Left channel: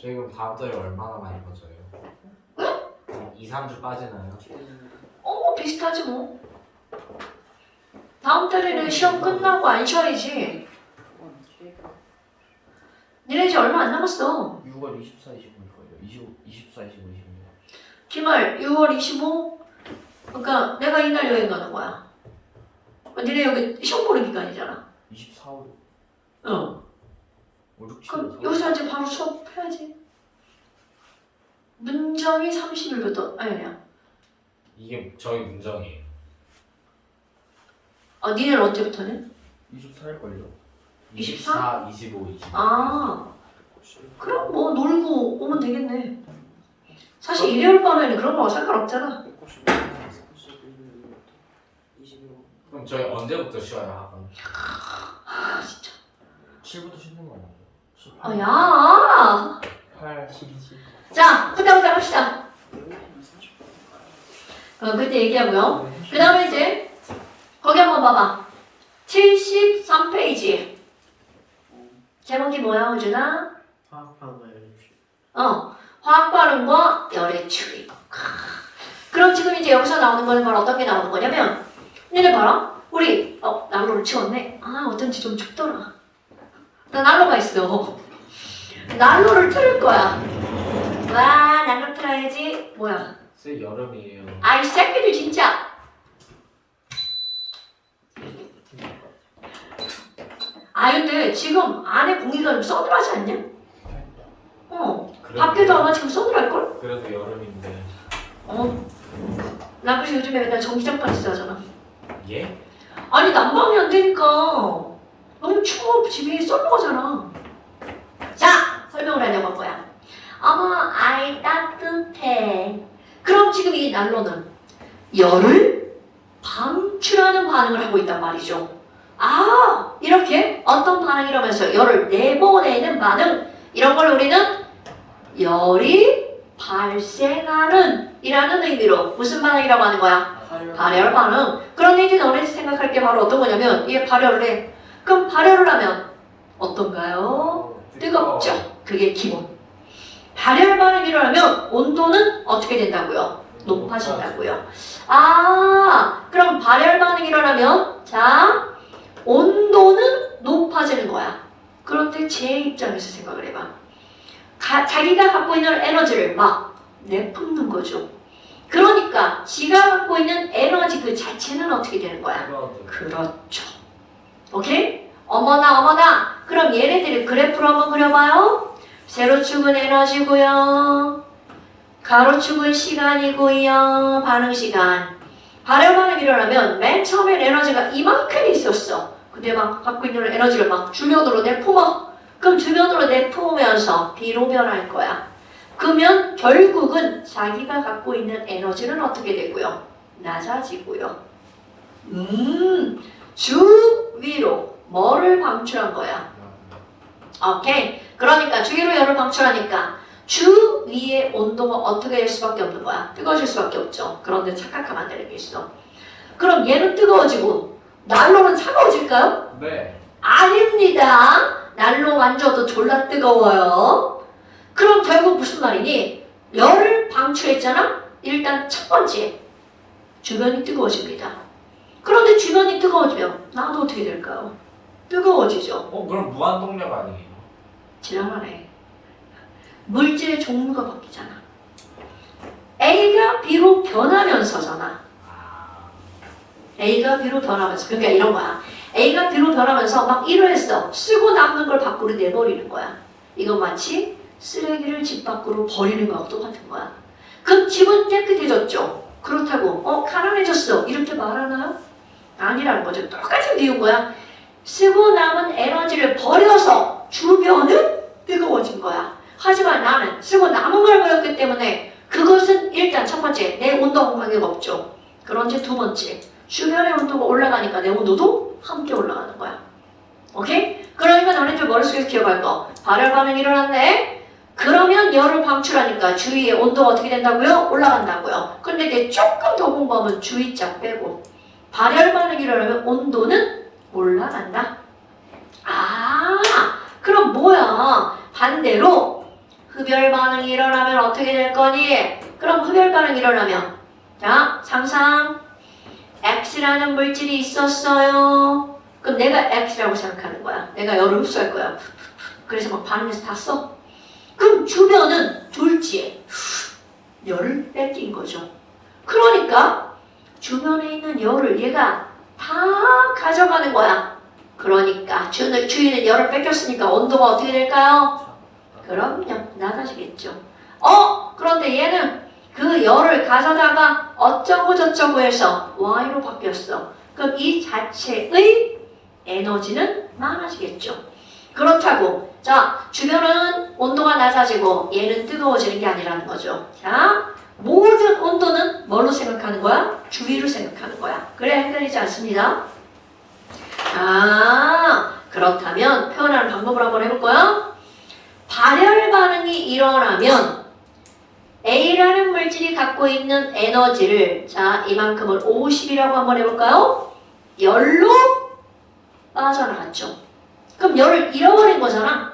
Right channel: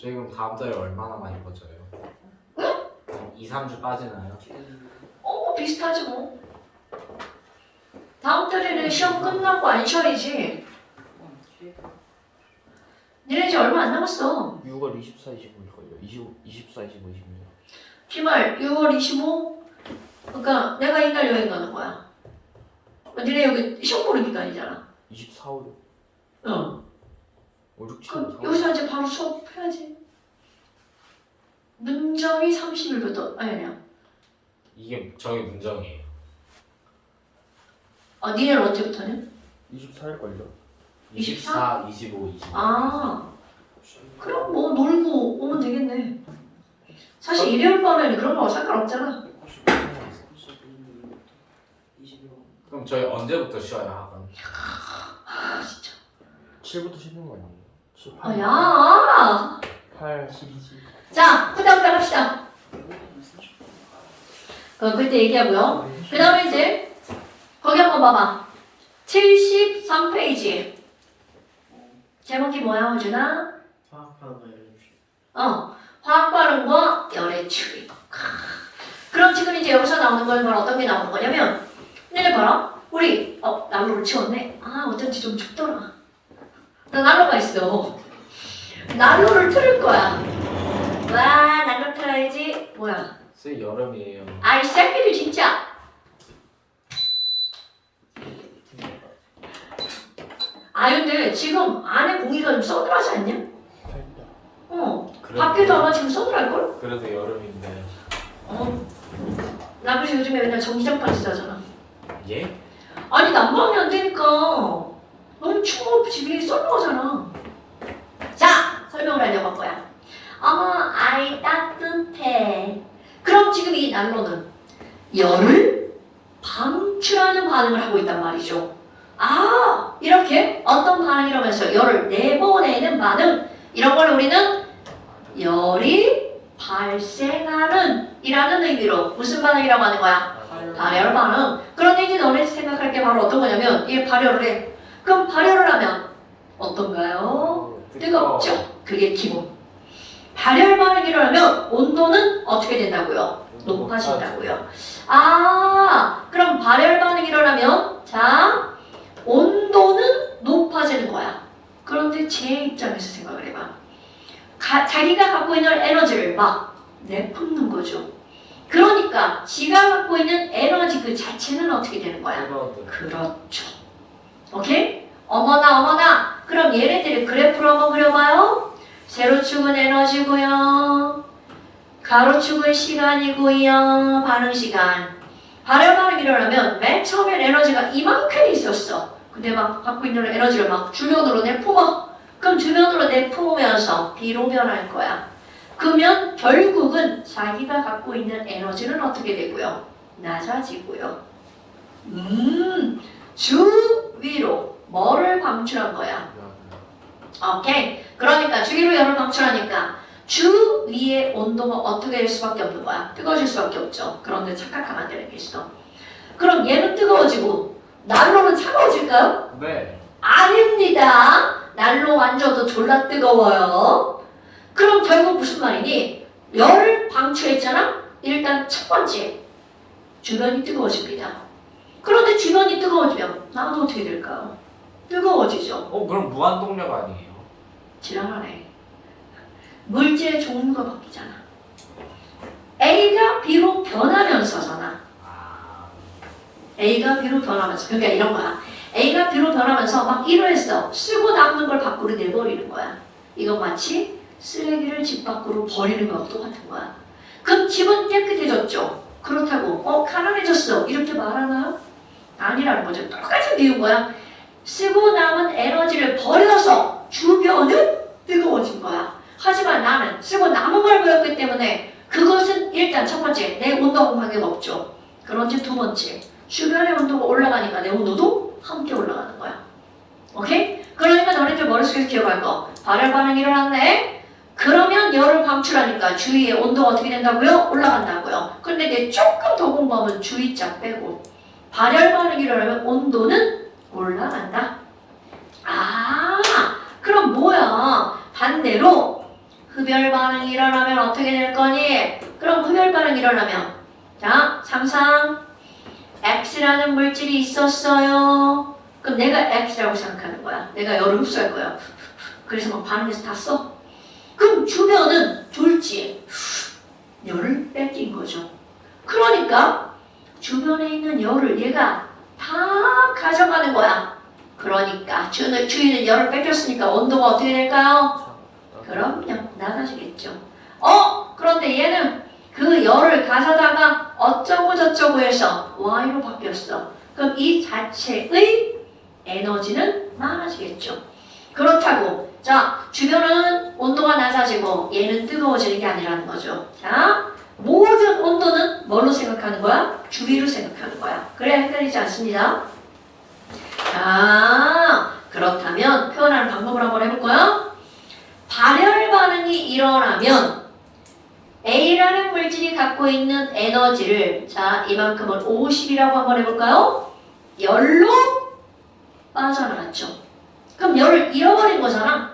저희 그럼 다음 달에 얼마나 많이 퍼져요? 한 2, 3주 빠지나요? 비슷하지 뭐. 다음 달에는 시험 끝나고 안 쉬어야지. 니네 이제 얼마 안 남았어. 6월 24, 25일걸요. 24, 25, 26. 기말 6월 25? 그러니까 내가 이날 여행 가는 거야. 니네 여기 시험 보는 기간이잖아. 24일. 응. 5, 6, 7, 그럼 4. 여기서 이제 바로 수업해야지. 문정이 30일부터 아니야. 이게 저희 문정이에요. 니네는 언제부터는? 24일걸요. 24, 25, 25. 아, 그럼 뭐 놀고 오면 되겠네. 사실 일요일 밤에는 그런 거 상관없잖아. 그럼 저희 언제부터 쉬어요 학원? 진짜. 7부터 쉬는 거 아니에요? 7, 8, 야. 8, 12. 자, 후다후다 합시다. 그때 얘기하고요. 그 다음에 이제 거기 한번 봐봐. 73페이지. 제목이 뭐야, 호준아? 화학 반응과 열의 추이. 그럼 지금 이제 여기서 나오는 거는 어떤 게 나오는 거냐면, 얘네 봐라. 우리 난로를 치웠네. 어쩐지 좀 춥더라. 나 난로가 있어. 난로를 틀을 거야. 와, 난로 틀어야지. 뭐야? 쌤 여름이에요. 이 새끼들 진짜. 근데 지금 안에 공기가 좀 서늘하지 않냐? 밖에도 아마 지금 서늘할걸? 그래도 여름인데. 나 그래서 요즘에 맨날 전기장판 쓰잖아. 예? 아니 난방이 안 되니까 너무 추워 집이 썰렁하잖아. 자, 설명을 하려고 한 거야. 어머, 아이 따뜻해. 그럼 지금 이 난로는 열을 방출하는 반응을 하고 있단 말이죠. 이렇게 어떤 반응이라면서 열을 내보내는 반응, 이런 걸 우리는 열이 발생하는 이라는 의미로 무슨 반응이라고 하는 거야? 발열 반응. 그럼 이제 너네 생각할 게 바로 어떤 거냐면 얘 발열을 해. 그럼 발열을 하면 어떤가요? 뜨겁죠. 그게 기본. 발열 반응이 일어나면 온도는 어떻게 된다고요? 높아진다고요. 그럼 발열 반응이 일어나면 자, 온도는 높아지는 거야. 그런데 제 입장에서 생각을 해봐. 자기가 갖고 있는 에너지를 막 내뿜는 거죠. 그러니까 지가 갖고 있는 에너지 그 자체는 어떻게 되는 거야? 그렇죠. 오케이? 어머나. 그럼 얘네들의 그래프로 한번 그려봐요. 세로축은 에너지고요. 가로축은 시간이고요. 반응 시간. 발열 반응이 일어나면 맨 처음엔 에너지가 이만큼 있었어. 근데 막 갖고 있는 에너지를 막 주변으로 내뿜어. 그럼 주변으로 내뿜으면서 B로 변할 거야. 그러면 결국은 자기가 갖고 있는 에너지는 어떻게 되고요? 낮아지고요. 주위로 뭐를 방출한 거야? 오케이. 그러니까 주위로 열을 방출하니까 주위의 온도가 어떻게 될 수밖에 없는 거야? 뜨거워질 수밖에 없죠. 그런데 착각하면 안 되는 게 있어. 그럼 얘는 뜨거워지고 난로는 차가워질까요? 네. 아닙니다. 난로 완져도 졸라 뜨거워요. 그럼 결국 무슨 말이니? 열을 방출했잖아? 일단 첫 번째, 주변이 뜨거워집니다. 그런데 주변이 뜨거워지면 나도 어떻게 될까요? 뜨거워지죠. 그럼 무한동력 아니에요? 지랄하네. 물질의 종류가 바뀌잖아. A가 B로 변하면서잖아. A가 B로 변하면서. 그러니까 이런 거야. A가 B로 변하면서 막 이러했어. 쓰고 남는 걸 밖으로 내버리는 거야. 이건 마치 쓰레기를 집 밖으로 버리는 거하고 똑같은 거야. 그럼 집은 깨끗해졌죠. 그렇다고 가난해졌어. 이렇게 말하나요? 아니라는 거죠. 똑같은 비유인 거야. 쓰고 남은 에너지를 버려서 주변은 뜨거워진 거야. 하지만 나는 쓰고 남은 걸 버렸기 때문에 그것은 일단 첫 번째 내 온도하고 관계가 없죠. 그런지 두 번째 주변의 온도가 올라가니까 내 온도도 함께 올라가는 거야. 오케이? 그러니까 너네들 머릿속에서 기억할 거. 발열 반응이 일어났네. 그러면 열을 방출하니까 주위의 온도가 어떻게 된다고요? 올라간다고요. 근데 내 조금 더 공부하면 주위짝 빼고 발열 반응이 일어나면 온도는 올라간다. 그럼 뭐야? 반대로 흡열 반응이 일어나면 어떻게 될 거니? 그럼 흡열 반응이 일어나면 자, 상상 X라는 물질이 있었어요. 그럼 내가 X라고 생각하는 거야. 내가 열을 흡수할 거야. 그래서 막 반응해서 다 써. 그럼 주변은 졸지에 열을 뺏긴 거죠. 그러니까 주변에 있는 열을 얘가 다 가져가는 거야. 그러니까 주위는 열을 뺏겼으니까 온도가 어떻게 될까요? 그럼요, 낮아지겠죠. 그런데 얘는 그 열을 가져다가 어쩌고 저쩌고 해서 Y로 바뀌었어. 그럼 이 자체의 에너지는 많아지겠죠. 그렇다고 자, 주변은 온도가 낮아지고 얘는 뜨거워지는 게 아니라는 거죠. 자, 모든 온도는 뭘로 생각하는 거야? 주위로 생각하는 거야. 그래야 헷갈리지 않습니다. 그렇다면 표현하는 방법을 한번 해볼까요? 발열 반응이 일어나면 A라는 물질이 갖고 있는 에너지를 자, 이만큼을 50이라고 한번 해볼까요? 열로 빠져나갔죠. 그럼 열을 잃어버린 거잖아.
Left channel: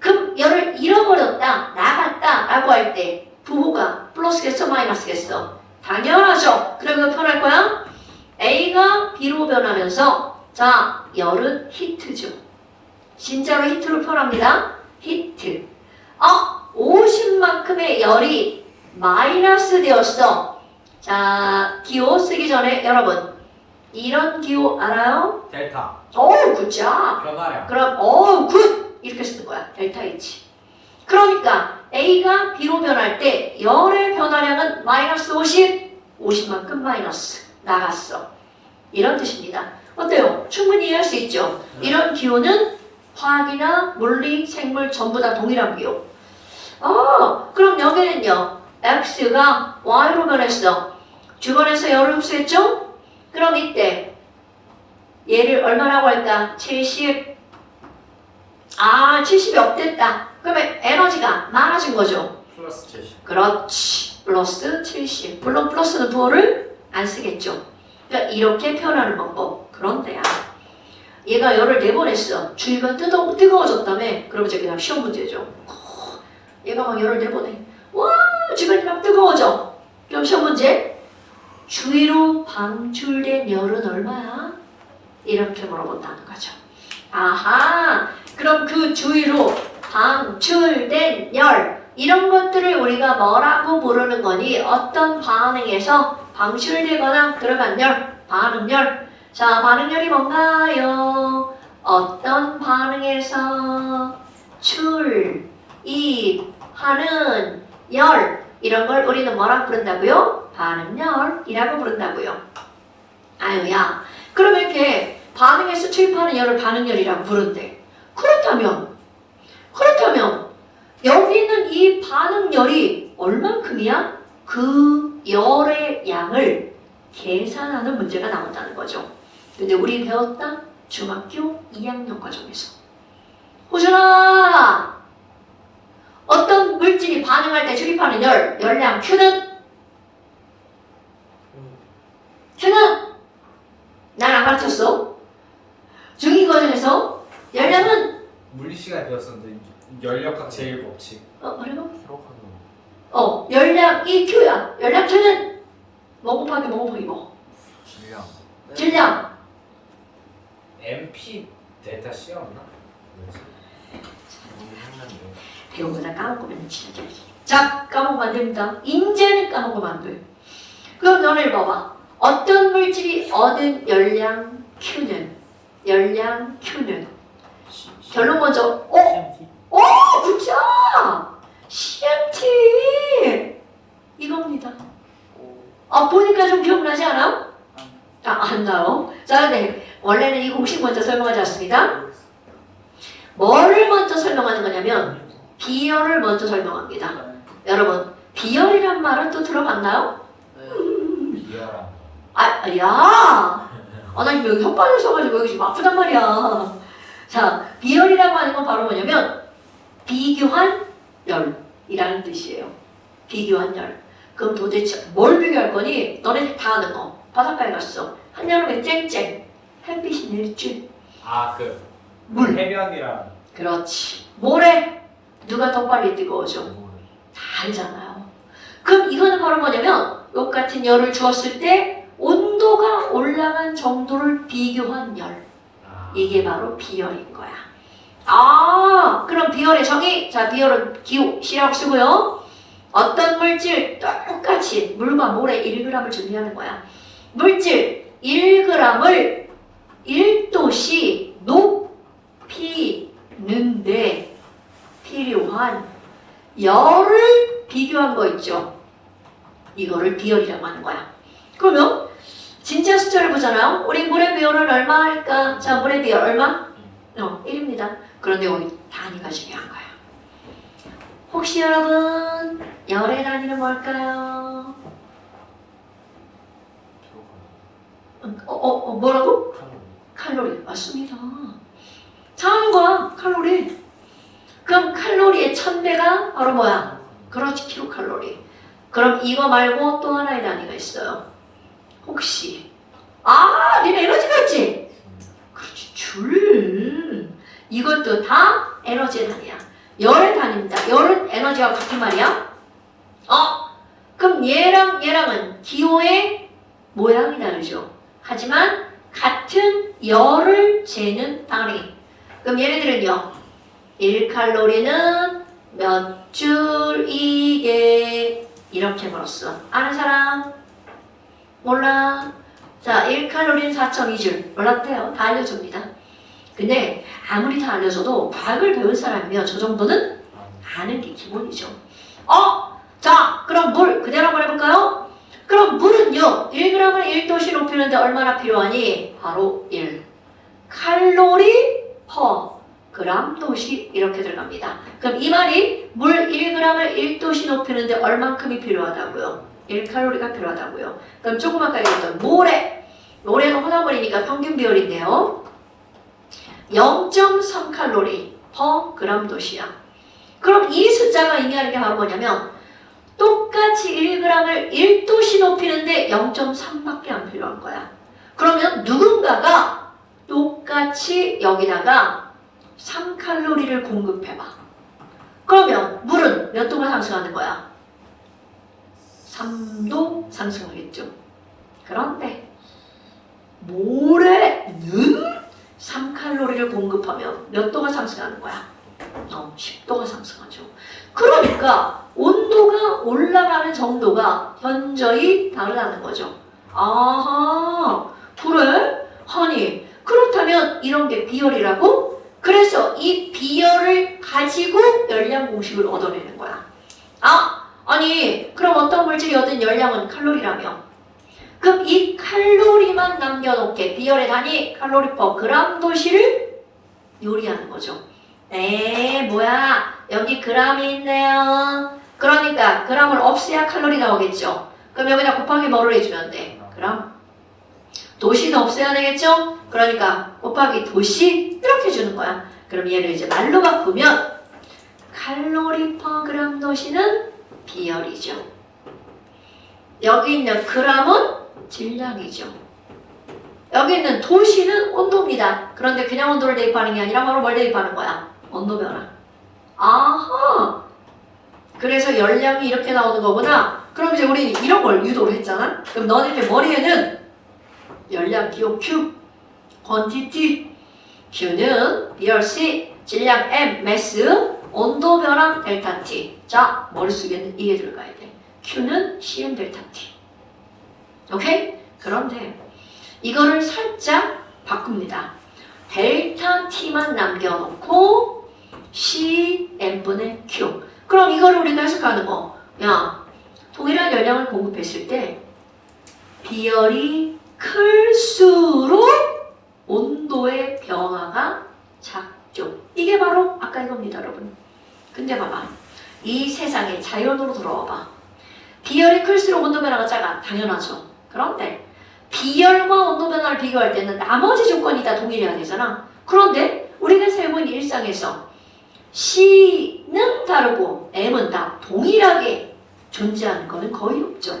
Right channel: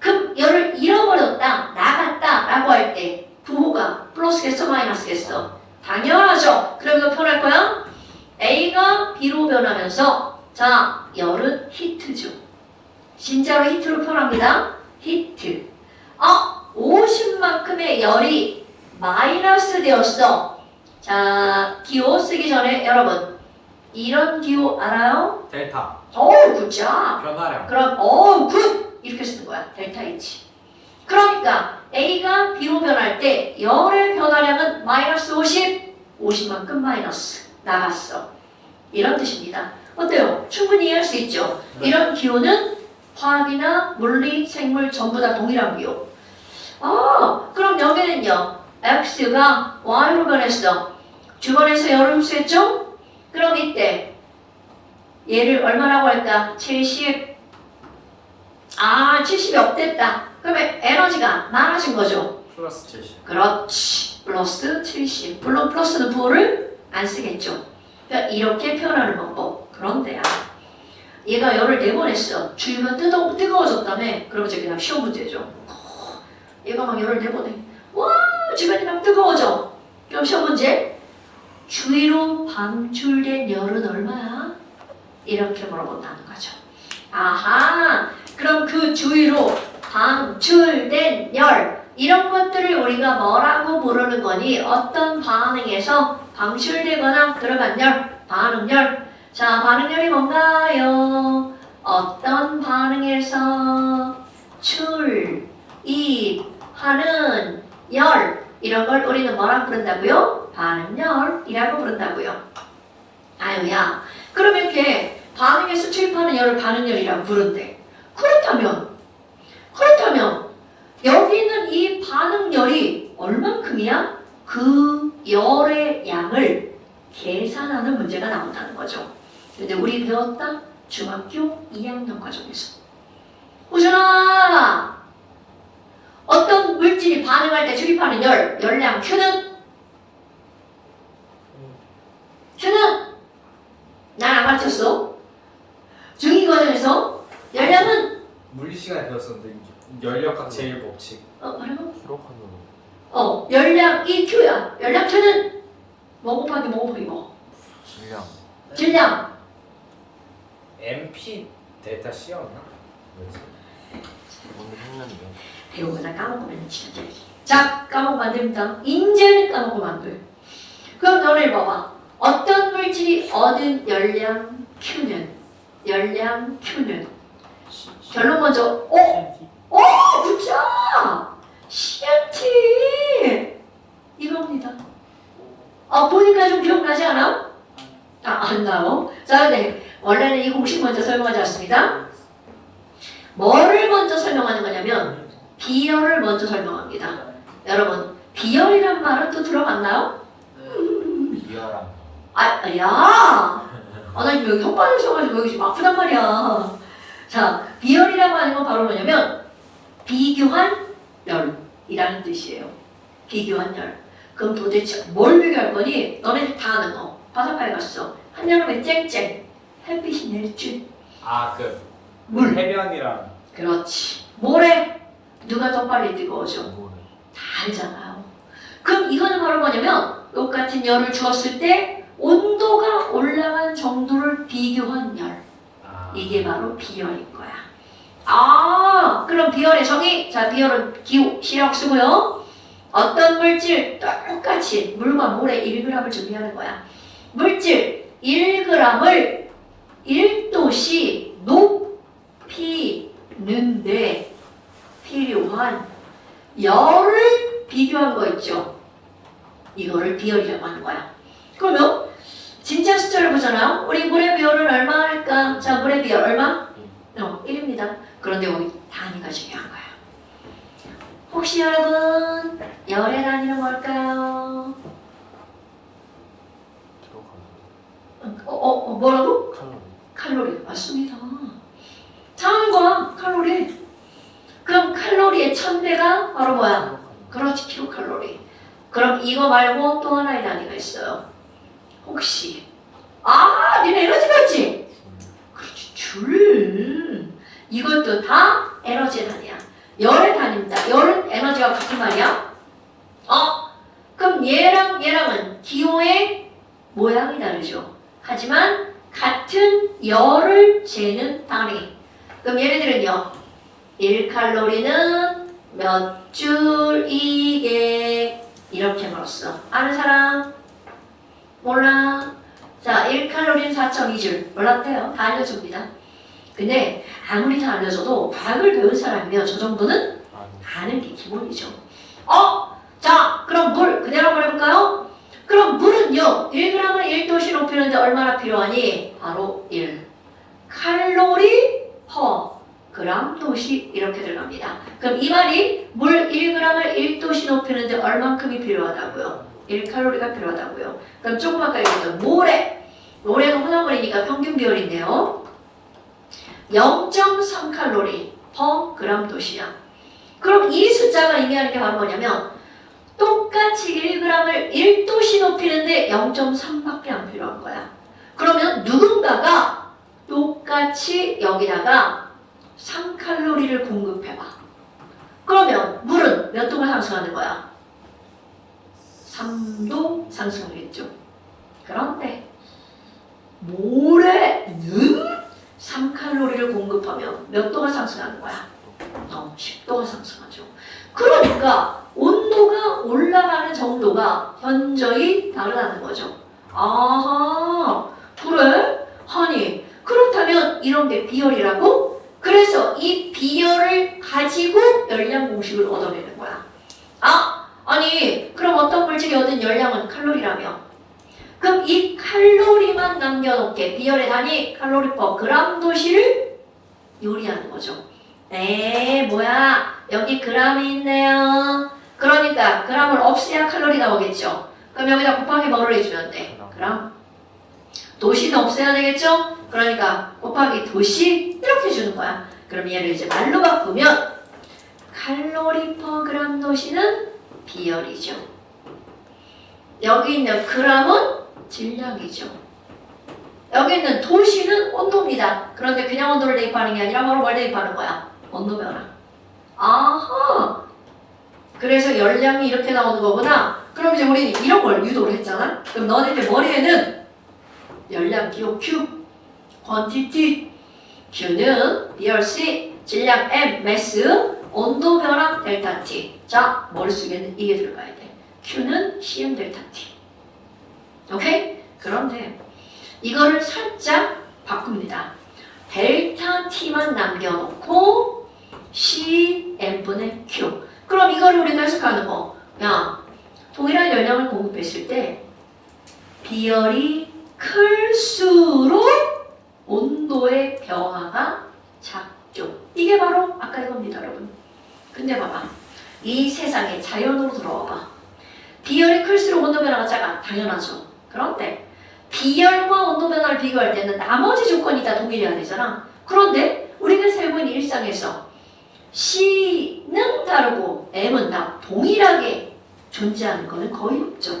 그럼 열을 잃어버렸다, 나갔다 라고 할 때 부호가 플러스겠어, 마이너스겠어? 당연하죠. 그리고 표현할 거야? A가 B로 변하면서 자, 열은 히트죠. 진짜로 히트로 표현합니다. 히트. 50만큼의 열이 마이너스 되었어. 자, 기호 쓰기 전에 여러분 이런 기호 알아요? 델타 굿자. 변화량. 그럼 굿 이렇게 쓰는 거야. 델타 H. 그러니까 A가 B로 변할 때 열의 변화량은 마이너스 50만큼 마이너스 나갔어. 이런 뜻입니다. 어때요? 충분히 이해할 수 있죠? 네. 이런 기호는 화학이나 물리, 생물 전부 다 동일한 기호. 그럼 여기는요. X가 Y로 변했어. 주변에서 열을 흡수했죠? 그럼 이때 얘를 얼마라고 할까? 70. 70이 업됐다. 그러면 에너지가 많아진 거죠. 플러스 70. 그렇지. 플러스 70. 물론 플러스는 부호를 안 쓰겠죠. 그러니까 이렇게 표현하는 방법. 그런데요. 얘가 열을 내보냈어. 주위가 뜨거워졌다며. 그럼 이제 그냥 시험 문제죠. 얘가 막 열을 내보내. 와, 주변이 막 뜨거워져. 그럼 시험 문제. 주위로 방출된 열은 얼마야? 이렇게 물어본다는 거죠. 아하. 그럼 그 주위로 방출된 열. 이런 것들을 우리가 뭐라고 부르는 거니? 어떤 반응에서 방출되거나 들어간 열, 반응열. 자, 반응열이 뭔가요? 어떤 반응에서 출입하는 열. 이런 걸 우리는 뭐라고 부른다고요? 반응열이라고 부른다고요. 아유야. 그럼 이렇게 반응에서 출입하는 열을 반응열이라고 부른대. 그렇다면 여기 있는 이 반응열이 얼만큼이야? 그 열의 양을 계산하는 문제가 나온다는 거죠. 근데 우리 배웠다? 중학교 2학년 과정에서. 호준아! 어떤 물질이 반응할 때 출입하는 열량 Q는? 난 안 가르쳤어. 중2 과정에서 열량은? 물리 시간에 배웠었는데 열역학 제1법칙. 뭐라고? 기록하는 열량 Q야. 열량 Q는? 뭐 곱하기 뭐? 질량. 질량. MP 델타 C였나? 뭐지? 배우거나 까먹으면 진짜. 자, 까먹으면 안 됩니다. 인제는 까먹으면 안 돼. 그럼 너를 봐봐. 어떤 물질이 얻은 열량 Q는? 결론 먼저. 굿자! CMT! 이겁니다. 보니까 좀 기억나지 않아? 안 나요. 자, 네. 원래는 이 공식 먼저 설명하지 않습니다. 뭐를 먼저 설명하는 거냐면 비열을 먼저 설명합니다. 여러분, 비열이란 말은 또 들어봤나요? 비열한 거. 나 지금 여기 혓바늘 써가지고 여기 지금 아프단 말이야. 자, 비열이라고 하는 건 바로 뭐냐면 비교한 열이라는 뜻이에요. 비교한 열. 그럼 도대체 뭘 비교할 거니? 너네 다 아는 거. 바닷가에 갔어. 한여름에 쨍쨍. 햇빛이 내리쬐. 그 물. 해변이랑 그렇지. 모래. 누가 더 빨리 뜨거워져? 물이. 다 알잖아요. 그럼 이거는 바로 뭐냐면 똑같은 열을 주었을 때 온도가 올라간 정도를 비교한 열. 아. 이게 바로 비열인 거야. 그럼 비열의 정의. 자, 비열은 기호, 시라고 쓰고요. 어떤 물질 똑같이 물과 물의 1g을 준비하는 거야. 물질 1g을 1도씨 높이는데 필요한 열을 비교한 거 있죠. 이거를 비열이라고 하는 거야. 그러면 진짜 숫자를 보잖아요. 우리 물의 비열은 얼마 할까? 자, 물의 비열 얼마? 1입니다. 그런데 여기 단위가 중요한 거야. 혹시 여러분 열의 단위는 뭘까요? 뭐라고? 칼로리. 맞습니다. 장과 칼로리. 그럼 칼로리의 1000배가 바로 뭐야? 그렇지, 킬로칼로리. 그럼 이거 말고 또 하나의 단위가 있어요. 혹시 니네 에너지가 있지? 그렇지, 줄. 이것도 다 에너지의 단위야. 열의 단위입니다. 열은 에너지가 같은 말이야. 그럼 얘랑은 기호의 모양이 다르죠. 하지만 같은 열을 재는 단위. 그럼 얘네들은요. 1칼로리는 몇 줄 이게 이렇게 물었어. 아는 사람? 몰라? 자, 1칼로리는 4.2줄. 몰랐대요. 다 알려줍니다. 근데 아무리 다 알려줘도 과학을 배운 사람이면 저 정도는 아는 게 기본이죠. 자, 그럼 물 그대로 말해볼까요? 그럼 물은요. 1g을 1도씨 높이는데 얼마나 필요하니? 바로 1. 칼로리 퍼 그람 도시 이렇게 들어갑니다. 그럼 이 말이 물 1g을 1도씨 높이는데 얼만큼이 필요하다고요? 1칼로리가 필요하다고요. 그럼 조금 아까 얘기했던 모래는 혼합물이니까 평균 비율인데요. 0.3칼로리 퍼 그람 도시야. 그럼 이 숫자가 의미하는 게 바로 뭐냐면 똑같이 1g을 1도씨 높이는데 0.3밖에 안 필요한 거야. 그러면 누군가가 똑같이 여기다가 3칼로리를 공급해봐. 그러면 물은 몇 도가 상승하는 거야? 3도 상승하겠죠. 그런데 모래는 3칼로리를 공급하면 몇 도가 상승하는 거야? 10도가 상승하죠. 그러니까 온도가 올라가는 정도가 현저히 다르다는 거죠. 아하, 그래? 아니, 그렇다면 이런 게 비열이라고? 그래서 이 비열을 가지고 열량 공식을 얻어내는 거야. 아니, 그럼 어떤 물질이 얻은 열량은 칼로리라며? 그럼 이 칼로리만 남겨놓게 비열의 단위 칼로리 퍼 그람 도시를 요리하는 거죠. 뭐야? 여기 그람이 있네요. 그러니까 그람을 없애야 칼로리 나오겠죠. 그럼 여기다 곱하기 뭐를 해주면 돼? 그람. 도시는 없애야 되겠죠? 그러니까 곱하기 도시 이렇게 주는 거야. 그럼 얘를 이제 말로 바꾸면 칼로리 퍼 그람 도시는 비열이죠. 여기 있는 그람은 질량이죠. 여기 있는 도시는 온도입니다. 그런데 그냥 온도를 대입하는 게 아니라 바로 뭘 대입하는 거야? 온도 변화. 아하! 그래서 열량이 이렇게 나오는 거구나. 그럼 이제 우리는 이런 걸 유도를 했잖아. 그럼 너네들 머리에는 열량 기호 Q, quantity, Q는 BRC, 질량 M, mass, 온도 변화 델타 T. 자, 머릿속에는 이게 들어가야 돼. Q는 CM 델타 T. 오케이? 그런데 이거를 살짝 바꿉니다. 델타 T만 남겨놓고 CM분의 Q. 그럼 이거를 우리가 해석하는 거. 야, 동일한 열량을 공급했을 때 비열이 클수록 온도의 변화가 작죠. 이게 바로 아까 이겁니다, 여러분. 근데 봐봐. 이 세상에 자연으로 돌아와봐. 비열이 클수록 온도 변화가 작아. 당연하죠. 그런데 비열과 온도 변화를 비교할 때는 나머지 조건이 다 동일해야 되잖아. 그런데 우리가 살고 있는 일상에서 C는 다르고 M은 다 동일하게 존재하는 거는 거의 없죠.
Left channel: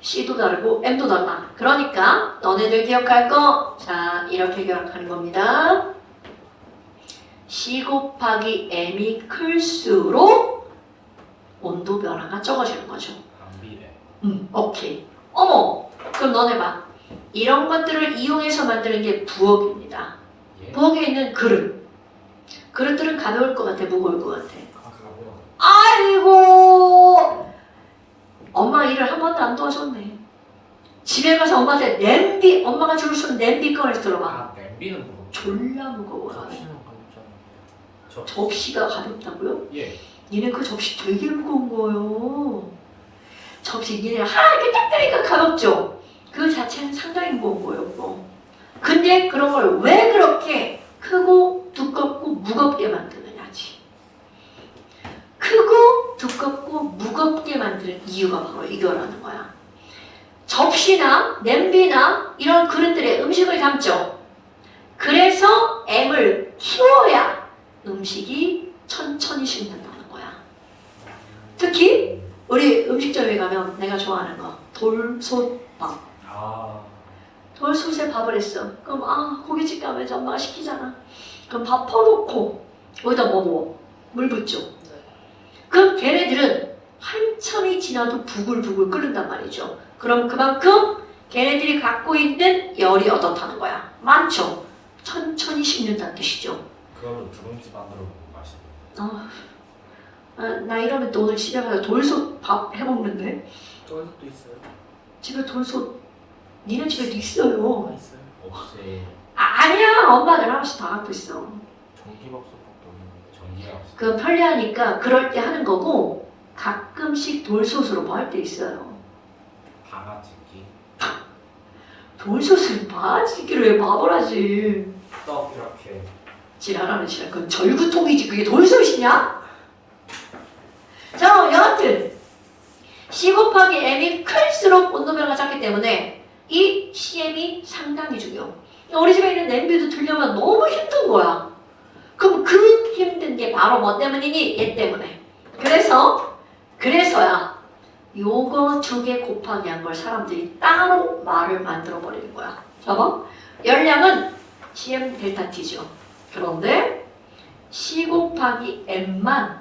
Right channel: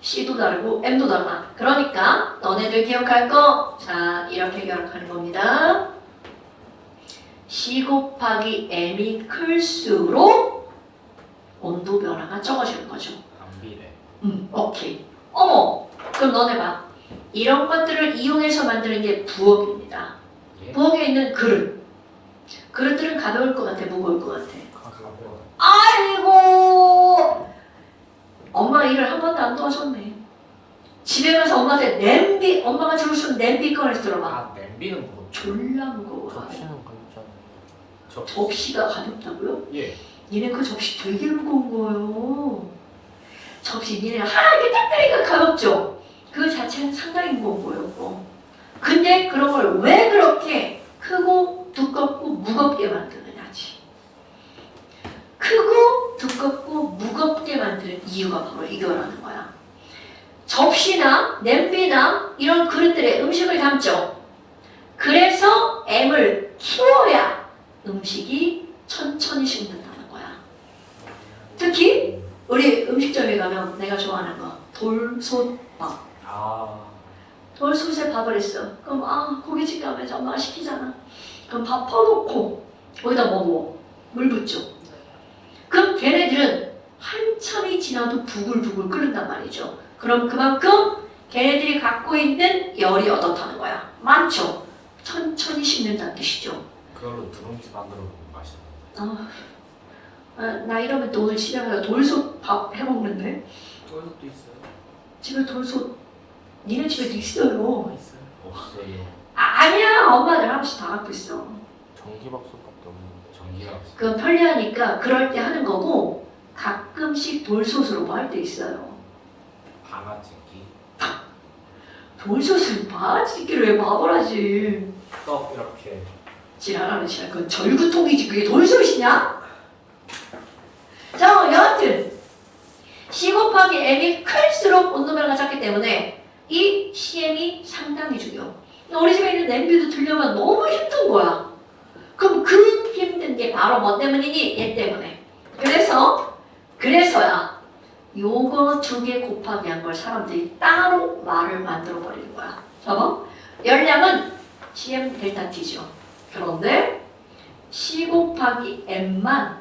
C도 다르고 M도 달라. 그러니까 너네들 기억할 거, 자, 이렇게 기억하는 겁니다. C 곱하기 M이 클수록 온도 변화가 적어지는 거죠. 안 비례. 오케이. 어머, 그럼 너네 봐. 이런 것들을 이용해서 만드는 게 부엌입니다. 예? 부엌에 있는 그릇. 그릇들은 가벼울 것 같아, 무거울 것 같아? 가벼워. 아이고, 엄마 일을 한 번도 안 도와줬네. 집에 가서 엄마한테 냄비, 엄마가 주고 싶은 냄비 꺼내서 들어봐. 아 냄비는 무겁죠. 졸라 무거워. 접시는 가볍잖아. 접시가 가볍다고요? 예. 니네 그 접시 되게 무거운 거예요. 접시 니네 하얗게 딱 가볍죠? 그 자체는 상당히 무거운 거예요. 그거. 근데 그런 걸 왜 그렇게 크고 두껍고 무겁게 만드느냐지. 크고 두껍고 무겁게 만드는 이유가 바로 이거라는 거야. 접시나 냄비나 이런 그릇들에 음식을 담죠. 그래서 M을 키워야 음식이 천천히 식는다는 거야. 특히 우리 음식점에 가면 내가 좋아하는 거 돌솥밥. 아. 돌솥에 밥을 했어. 그럼 고깃집 가면 엄마가 시키잖아. 그럼 밥 퍼놓고 거기다 뭐 넣어? 물 붓죠. 그럼 걔네들은 한참이 지나도 부글부글 끓는단 말이죠. 그럼 그만큼 걔네들이 갖고 있는 열이 어떻다는 거야? 많죠. 천천히 식는다는 뜻이죠. 그걸로 누룽지 만들어 먹으면 맛있어. 나 이러면 또 오늘 집에 가서 돌솥 밥 해먹는데? 돌솥도 있어요. 집에 돌솥 니네 집에도 있어요. 있어요. 없어요. 아니야, 엄마들 하나씩 다 갖고 있어. 전기밥솥밖에 없는 전기가 없어. 그 편리하니까 그럴 때 하는 거고 가끔씩 돌솥으로 뭐 할 때 있어요. 방아찌기. 돌솥을 바지기를 왜 밥을 하지? 떡 이렇게. 지랄하는 지랄. 그건 절구통이지 그게 돌솥이냐? 자, 여하튼 C 곱하기 M이 클수록 온도 변화가 작기 때문에 이 CM이 상당히 중요. 우리 집에 있는 냄비도 들려면 너무 힘든 거야. 그럼 그 힘든 게 바로 뭐 때문이니? 얘 때문에. 그래서야 요거 두 개 곱하기 한 걸 사람들이 따로 말을 만들어 버리는 거야. 저거 열량은 CM 델타 T죠. 그런데 C 곱하기 M만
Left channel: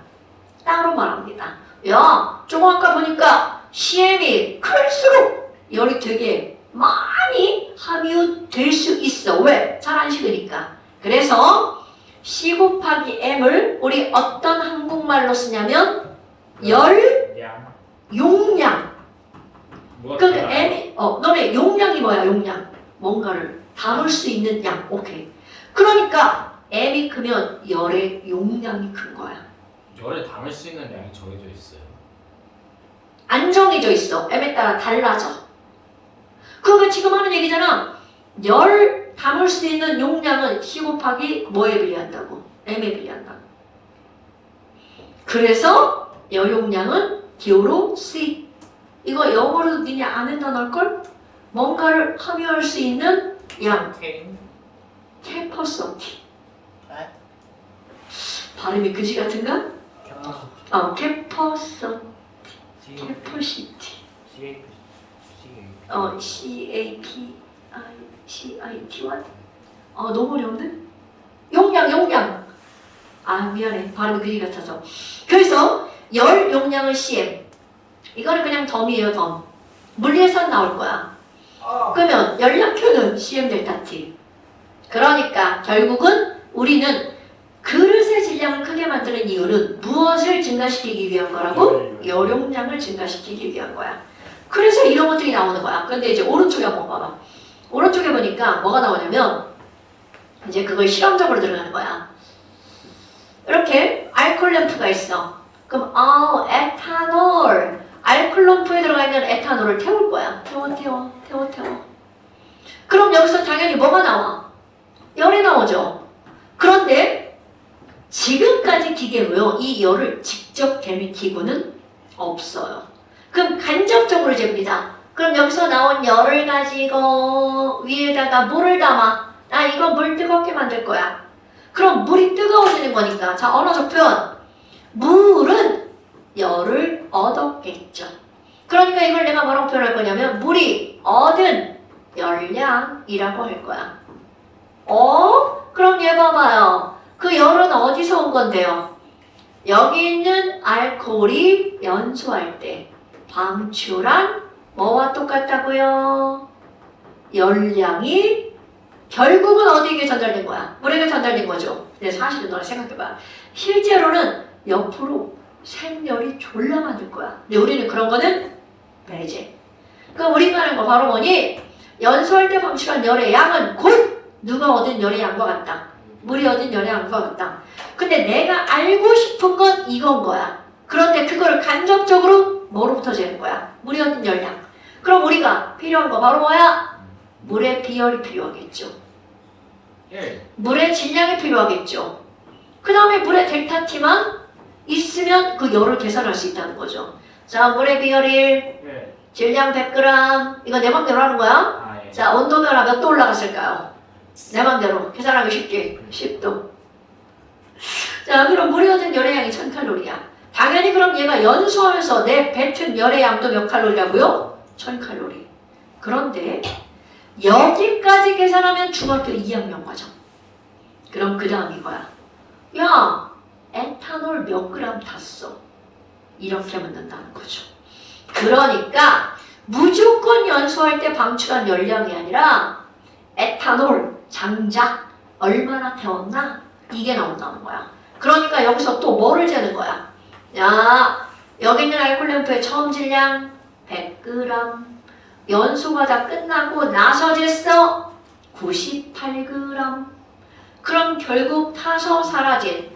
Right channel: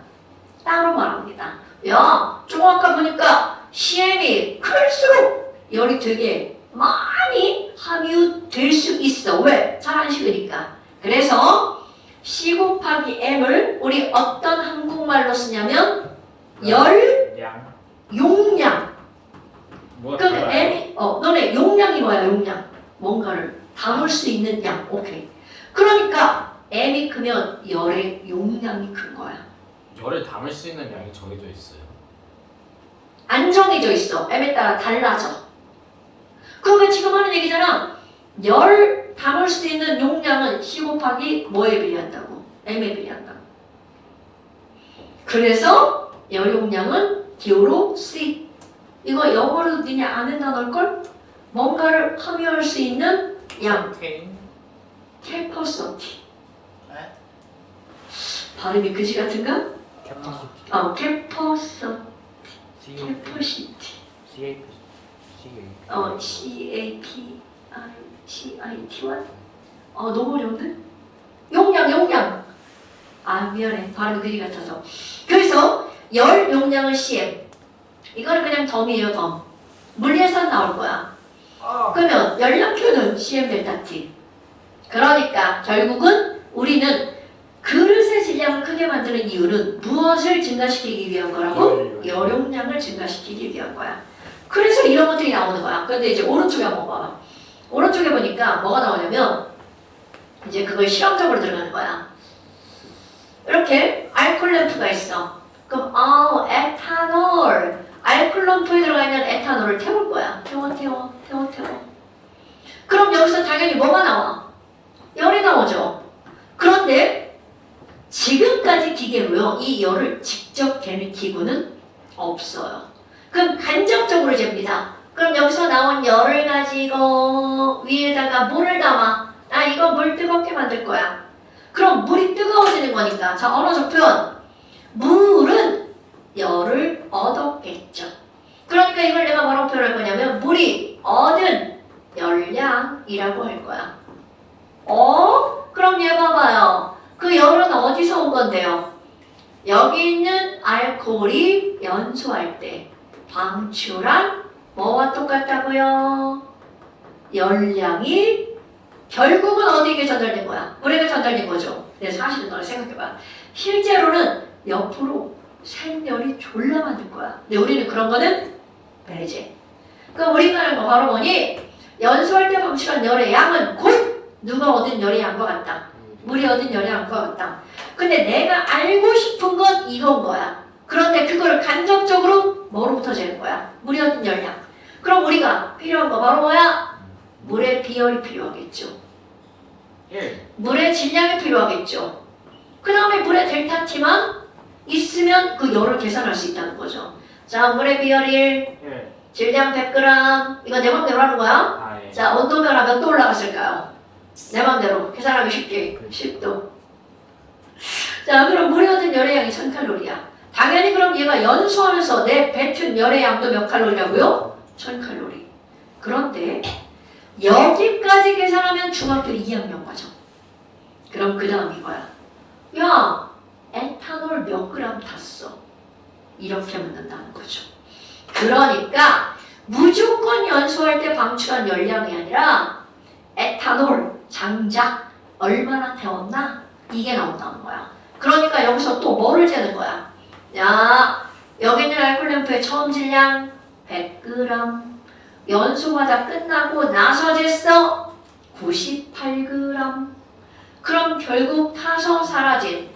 따로 말합니다. 야, 조금 아까 보니까 CM이 클수록 열이 되게 많이 함유될 수 있어. 왜? 잘 안 식으니까. 그래서 C 곱하기 M을 우리 어떤 한국말로 쓰냐면 양. 용량. 뭐가 그러니까 달라요? M이 너네 용량이 뭐야? 용량. 뭔가를 담을 수 있는 양. 오케이. 그러니까 M이 크면 열의 용량이 큰 거야. 열을 담을 수 있는 양이 정해져 있어요. 안 정해져 있어. M에 따라 달라져. 그러면 지금 하는 얘기잖아. 열 담을 수 있는 용량은 C 곱하기 뭐에 비례한다고? M에 비례한다고. 그래서 열 용량은 기호로 C. 이거 영어로도 니네 아는 단어일걸? 뭔가를 함유할 수 있는 양. 캐퍼시티. 네? 발음이 그지 같은가? 캐파시티. 캐퍼시티. CAPICITY. 너무 어려운데? 용량. 미안해. 발음이 그지 같아서. 그래서 열 용량을 CM. 이거는 그냥 덤이에요, 덤. 물리에서 나올 거야. 그러면 열량표는 CM 델타 T. 그러니까 결국은 우리는 그릇의 질량을 크게 만드는 이유는 무엇을 증가시키기 위한 거라고? 열 용량을 증가시키기 위한 거야. 그래서 이런 것들이 나오는 거야. 그런데 이제 오른쪽에 한번 봐봐. 오른쪽에 보니까 뭐가 나오냐면 이제 그걸 실험적으로 들어가는 거야. 이렇게 알코올 램프가 있어. 그럼 에탄올. 알코올 램프에 들어가 있는 에탄올을 태울 거야. 태워. 그럼 여기서 당연히 뭐가 나와? 열이 나오죠. 그런데 지금까지 기계로요. 이 열을 직접 개는 기구는 없어요. 그럼 간접적으로 잽니다. 그럼 여기서 나온 열을 가지고 위에다가 물을 담아. 나 이거 물 뜨겁게 만들 거야. 그럼 물이 뜨거워지는 거니까. 자, 언어적 표현. 물은 열을 얻었겠죠. 그러니까 이걸 내가 뭐라고 표현할 거냐면 물이 얻은 열량이라고 할 거야. 그럼 얘 봐봐요. 그 열은 어디서 온 건데요? 여기 있는 알코올이 연소할 때 방출한 뭐와 똑같다고요? 열량이 결국은 어디에게 전달된 거야? 물에게 전달된 거죠. 근데 사실은 너는 생각해봐. 실제로는 옆으로 생열이 졸라 만들 거야. 근데 우리는 그런 거는 배제. 그럼 우리가 하는 거 바로 뭐니? 연소할 때 방출한 열의 양은 곧 누가 얻은 열의 양과 같다. 물이 얻은 열의 양과 같다. 근데 내가 알고 싶은 건 이건 거야. 그런데 그걸 간접적으로 뭐로부터 재는 거야? 물이 얻은 열량. 그럼 우리가 필요한 거 바로 뭐야? 물의 비열이 필요하겠죠. 물의 질량이 필요하겠죠. 그 다음에 물의 델타 T만 있으면 그 열을 계산할 수 있다는 거죠. 자, 물의 비열이 1, 질량 100g. 이거 내 맘대로 하는 거야. 자, 온도변화 몇 도 올라갔을까요? 내 맘대로 계산하기 쉽지. 10도. 자, 그럼 물이 얻은 열의 양이 1000칼로리야. 당연히 그럼 얘가 연소하면서 내 뱉은 열의 양도 몇 칼로리라고요? 1000칼로리. 그런데 여기까지 계산하면 중학교 2학년 과정. 그럼 그 다음 이거야. 야, 에탄올 몇 그램 탔어? 이렇게 묻는다는 거죠. 그러니까 무조건 연소할 때 방출한 열량이 아니라 에탄올 장작 얼마나 태웠나? 이게 나온다는 거야. 그러니까 여기서 또 뭐를 재는 거야? 야, 여기 있는 알콜램프의 처음 질량 100g. 연소가 다 끝나고 나서 쟀어 98g. 그럼 결국 타서 사라진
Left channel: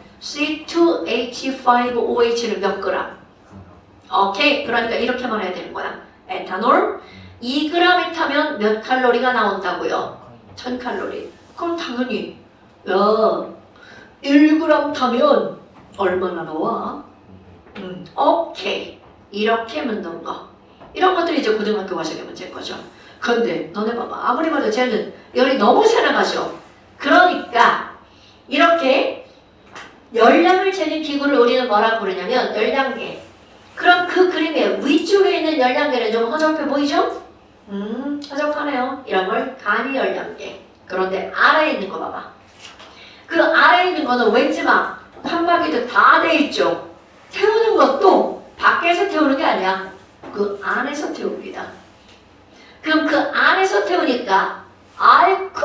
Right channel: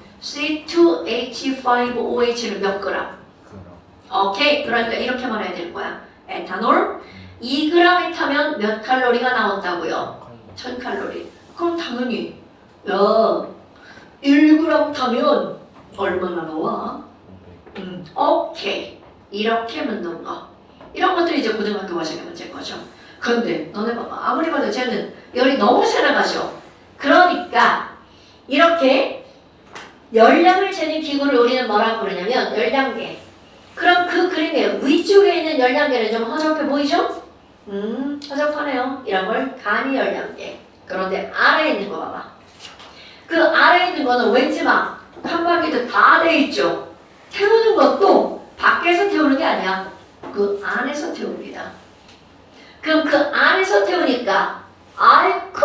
C2H5OH는 몇 그램? 오케이. 그러니까 이렇게 말해야 되는 거야. 에탄올 2g이 타면 몇 칼로리가 나온다고요? 1000칼로리. 그럼 당연히 야 1g 타면 얼마나 나와? 오케이. 이렇게 묻는 거. 이런 것들이 이제 고등학교 과정의 문제인 거죠. 근데 너네 봐봐. 아무리 봐도 쟤는 열이 너무 세 나가죠. 그러니까 이렇게 열량을 재는 기구를 우리는 뭐라고 부르냐면 열량계. 그럼 그 그림의 위쪽에 있는 열량계는 좀 허접해 보이죠? 허접하네요. 이런 걸 간이 열량계. 그런데 아래에 있는 거 봐봐. 그 아래에 있는 거는 왠지 막 칸막이도 다 돼 있죠. 태우는 것도 밖에서 태우는 게 아니야. 그 안에서 태웁니다. 그럼 그 안에서 태우니까 아이쿠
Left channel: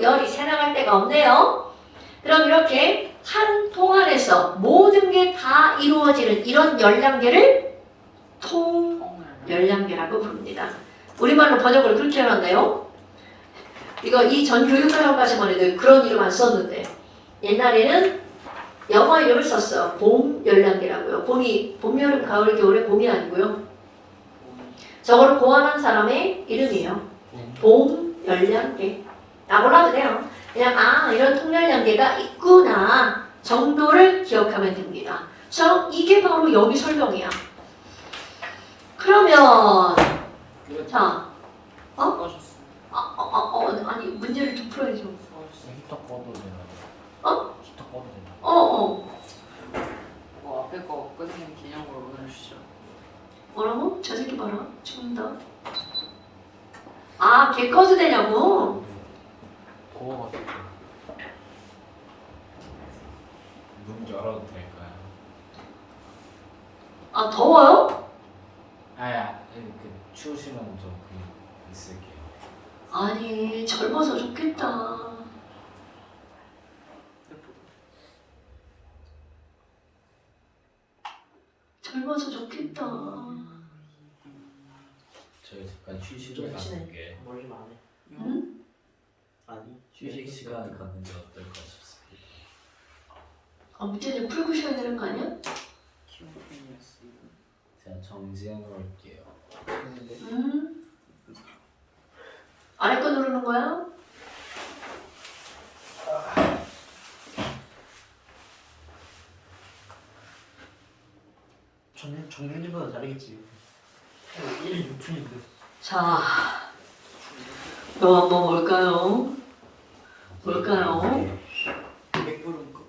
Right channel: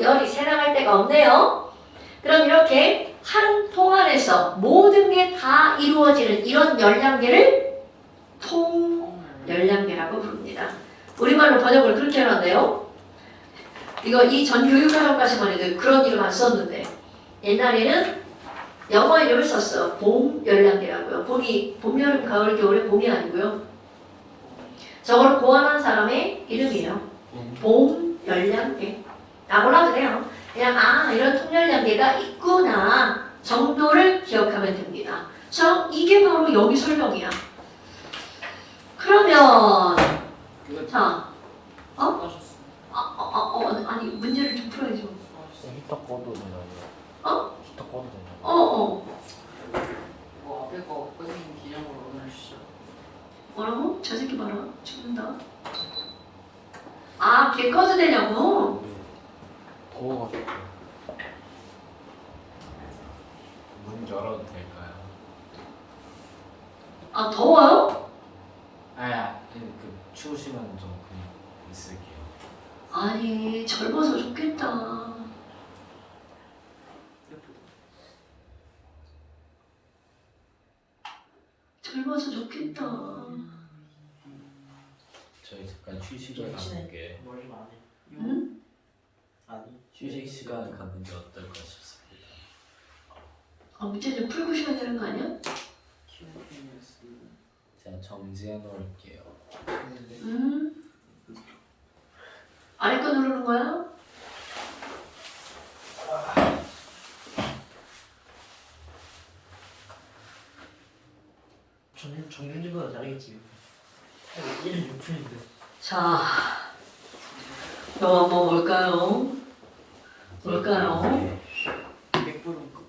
열이 새 나갈 데가 없네요. 그럼 이렇게 한 통 안에서 모든 게 다 이루어지는 이런 열량계를 통열량계라고 부릅니다. 우리말로 번역을 그렇게 해놨네요. 이거 이 전 교육과정까지만 해도 그런 이름 안 썼는데 옛날에는 영어 이름을 썼어. 봄 열량계라고요. 봄이 봄, 여름, 가을, 겨울에 봄이 아니고요. 저걸 고안한 사람의 이름이에요. 봄 열량계. 나 몰라도 돼요. 그냥 이런 통열량계가 있구나 정도를 기억하면 됩니다. 자, 이게 바로 여기 설명이야. 그러면 자, 아니 문제를 좀 풀어야죠. 히터 꺼도 되나요? 히터 꺼도 되나요? 앞에 거 끝낸 기념으로 보내주시죠. 뭐라고? 저 새끼 봐라. 죽는다. 걔 꺼도 되냐고? 더워가지고. 문 열어도 될까요? 더워요? 그 추우시면 좀 그냥 있을게요. 아니 젊어서 좋겠다. 젊어서 좋겠다. 저희 잠깐 휴식을 갖는게 머리 안 해. 응? 아니. 휴식 시간을 갖는 게 어떨까 싶습니다. 문제 좀 풀고 쉬어야 되는 거 아니야? 키우팬이었습니다. 제가 정지해 놓을게요. 아래 거 누르는 거야? 정규직보다 다르겠지. 1일 6분인데. 자, 너 한번 볼까요? 뭘까요? 100불은 그거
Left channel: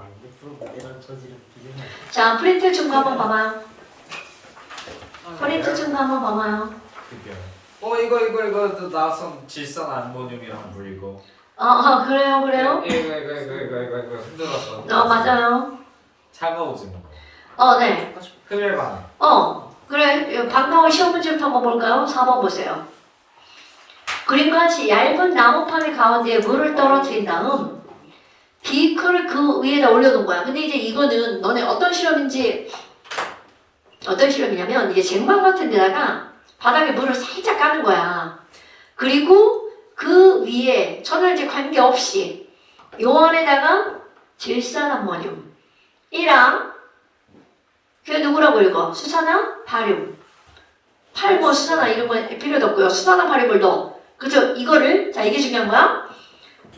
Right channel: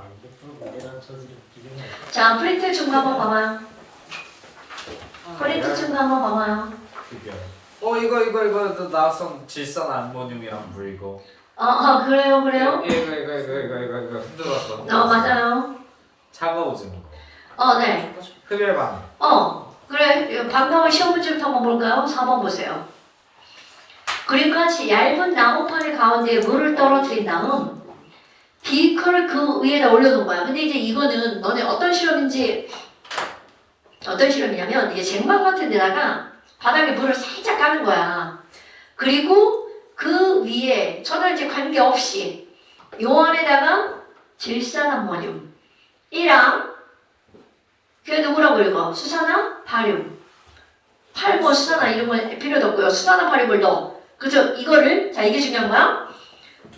아니 100불은 내랑 저지랑 비교해. 자, 프린트 증거 한번 봐봐요. 프린트 증거 한번 봐봐요. 그게 이거 나선 질산 암모늄이랑 물이고 그래요, 그래요? 이거 힘들었어. 맞아요. 차가워지는 거. 네. 흡열 반응. 그래. 방과후 시험 문제부터 한번 볼까요? 4번 보세요. 그림과 같이 얇은 나무판의 가운데에 물을 떨어뜨린 다음 비크를 그 위에다 올려놓은 거야. 근데 이제 이거는 너네 어떤 실험이냐면 이게 쟁반 같은 데다가 바닥에 물을 살짝 까는 거야. 그리고 그 위에 천연제 관계없이 요 안에다가 질산암모늄 1항 그게 누구라고 읽어? 수산화 바륨 8번 수산화 이런 건 필요도 없고요. 수산화 바륨을 넣어. 그죠? 이거를 자 이게 중요한 거야.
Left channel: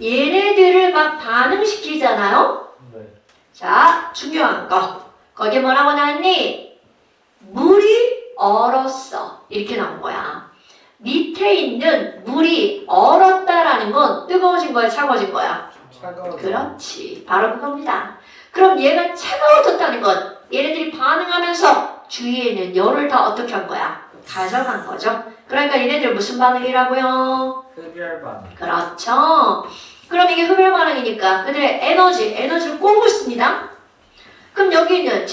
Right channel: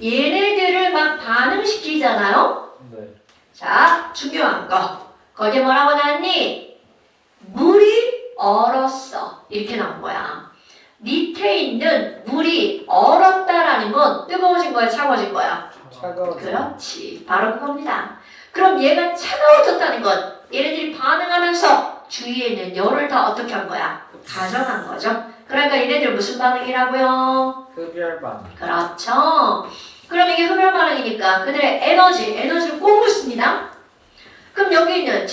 얘네들을 막 반응시키잖아요. 네. 자 중요한 거 거기에 뭐라고 나왔니? 물이 얼었어 이렇게 나온 거야. 밑에 있는 물이 얼었다라는 건 뜨거워진 거야 차가워진 거야? 차가워. 그렇지 바로 그겁니다. 그럼 얘가 차가워졌다는 건 얘네들이 반응하면서 주위에 있는 열을 다 어떻게 한 거야? 가져간 거죠. 그러니까 얘네들 무슨 반응이라고요? 흡열 반응. 그렇죠. 그럼 이게 흡열 반응이니까 그들의 에너지를 꼬고 있습니다. 그럼 여기 있는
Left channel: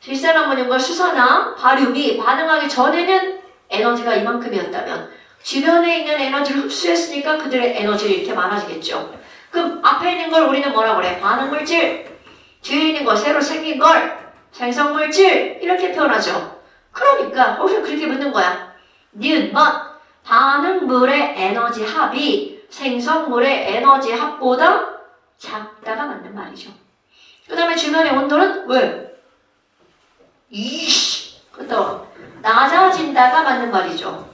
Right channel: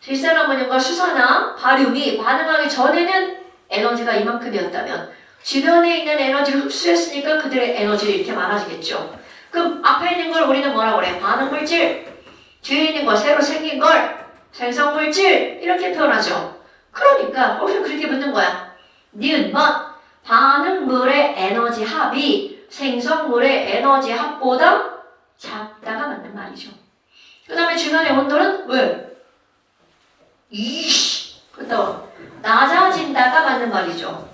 질산암모늄과 수산화, 바륨이 반응하기 전에는 에너지가 이만큼이었다면 주변에 있는 에너지를 흡수했으니까 그들의 에너지를 이렇게 많아지겠죠. 그럼 앞에 있는 걸 우리는 뭐라고 그래? 반응물질, 뒤에 있는 거 새로 생긴 걸 생성물질 이렇게 표현하죠. 그러니까 거기서 그렇게 묻는 거야. 니은 뭐 반응물의 에너지 합이 생성물의 에너지 합보다 작다가 맞는 말이죠. 그 다음에 주변의 온도는 왜? 그렇다고 낮아진다가 맞는 말이죠.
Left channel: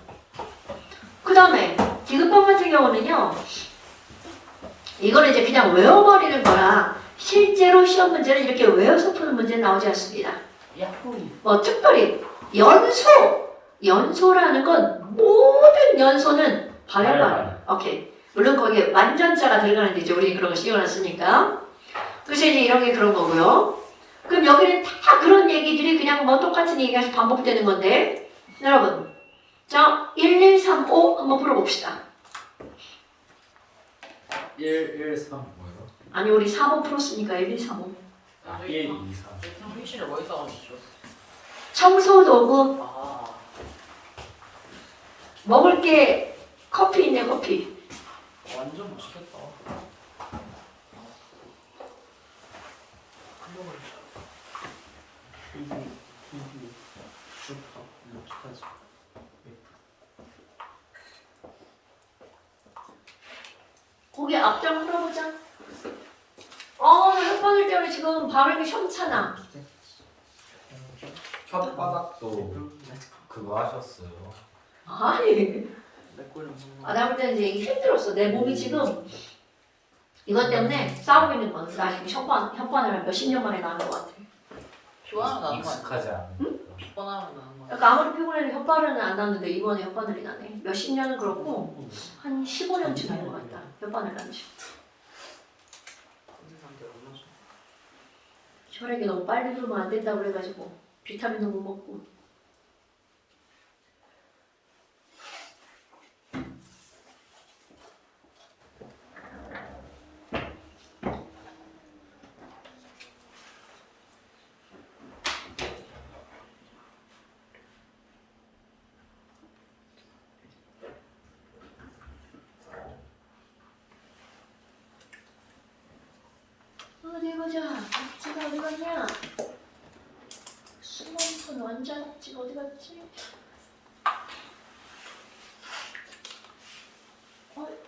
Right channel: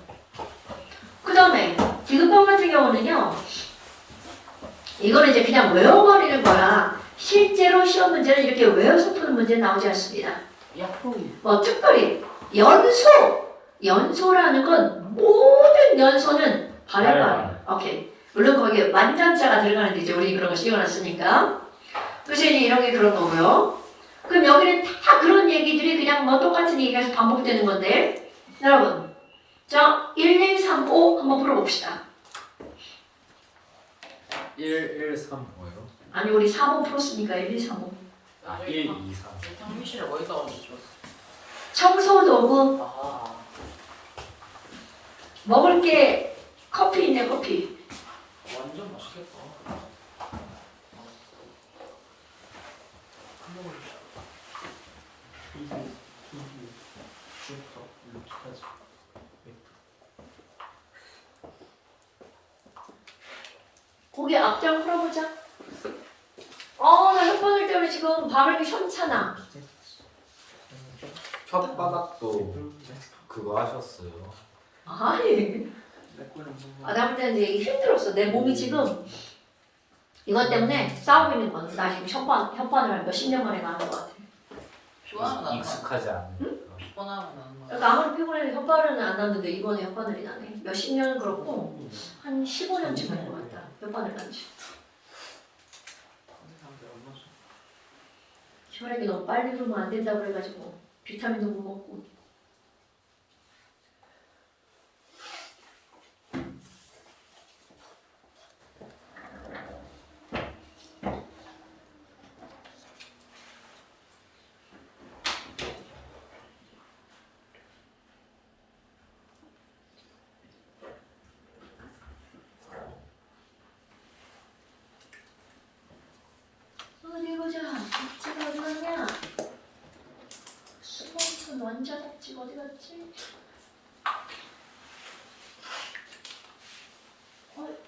그 다음에 디귿번 같은 경우는요. 이거는 이제 그냥 외워버리는 거야. 실제로 시험 문제는 이렇게 외워서 푸는 문제는 나오지 않습니다. 뭐 특별히 연소라는 건 모든 연소는 발열. 오케이. 물론 거기에 만전자가 들어가는데 이제 우리 그런 거 신경 안 쓰니까. 그래서 이제 이런 게 그런 거고요. 그럼 여기는 다 그런 얘기들이 그냥 뭐 똑같은 얘기가 반복되는 건데 여러분 자 1, 2, 3, 5 한번 풀어봅시다. 1, 1, 3 뭐예요? 아니 우리 4번 풀었으니까 1, 2, 3, 5 아 1, 2, 3. 장미실을 어디다 얹었죠? 청소도구 아, 먹을 게 커피 있네 커피 완전 맛있겠다. 주부터 루프까지. 고개 앞장 풀어보자. 나 혓바늘 때문에 지금 발음이 현찮아. 혓바닥도 그거 하셨어요. 아니 나 볼 때는 이게 힘들었어. 내 몸이 지금 이것 때문에 싸우고 있는 건 나 지금 혓바늘을 몇십 년 만에 나는 것 같아. 피곤하면 나는 거 익숙하지 않은. 피곤하면 나는 거 그러니까 아무리 피곤해도 혓바늘은 안 났는데 이번에 혓바늘이 나네. 몇십 년은 그렇고 한 15년쯤 된 것 같다. 혓바늘 난지. 혈액이 너무 빨리 흐르면 안 된다 그래가지고 비타민도 못 먹고. 어디 보자. 박지가 어디 갔냐? 숨어있던 원자 박지가 어디 갔지?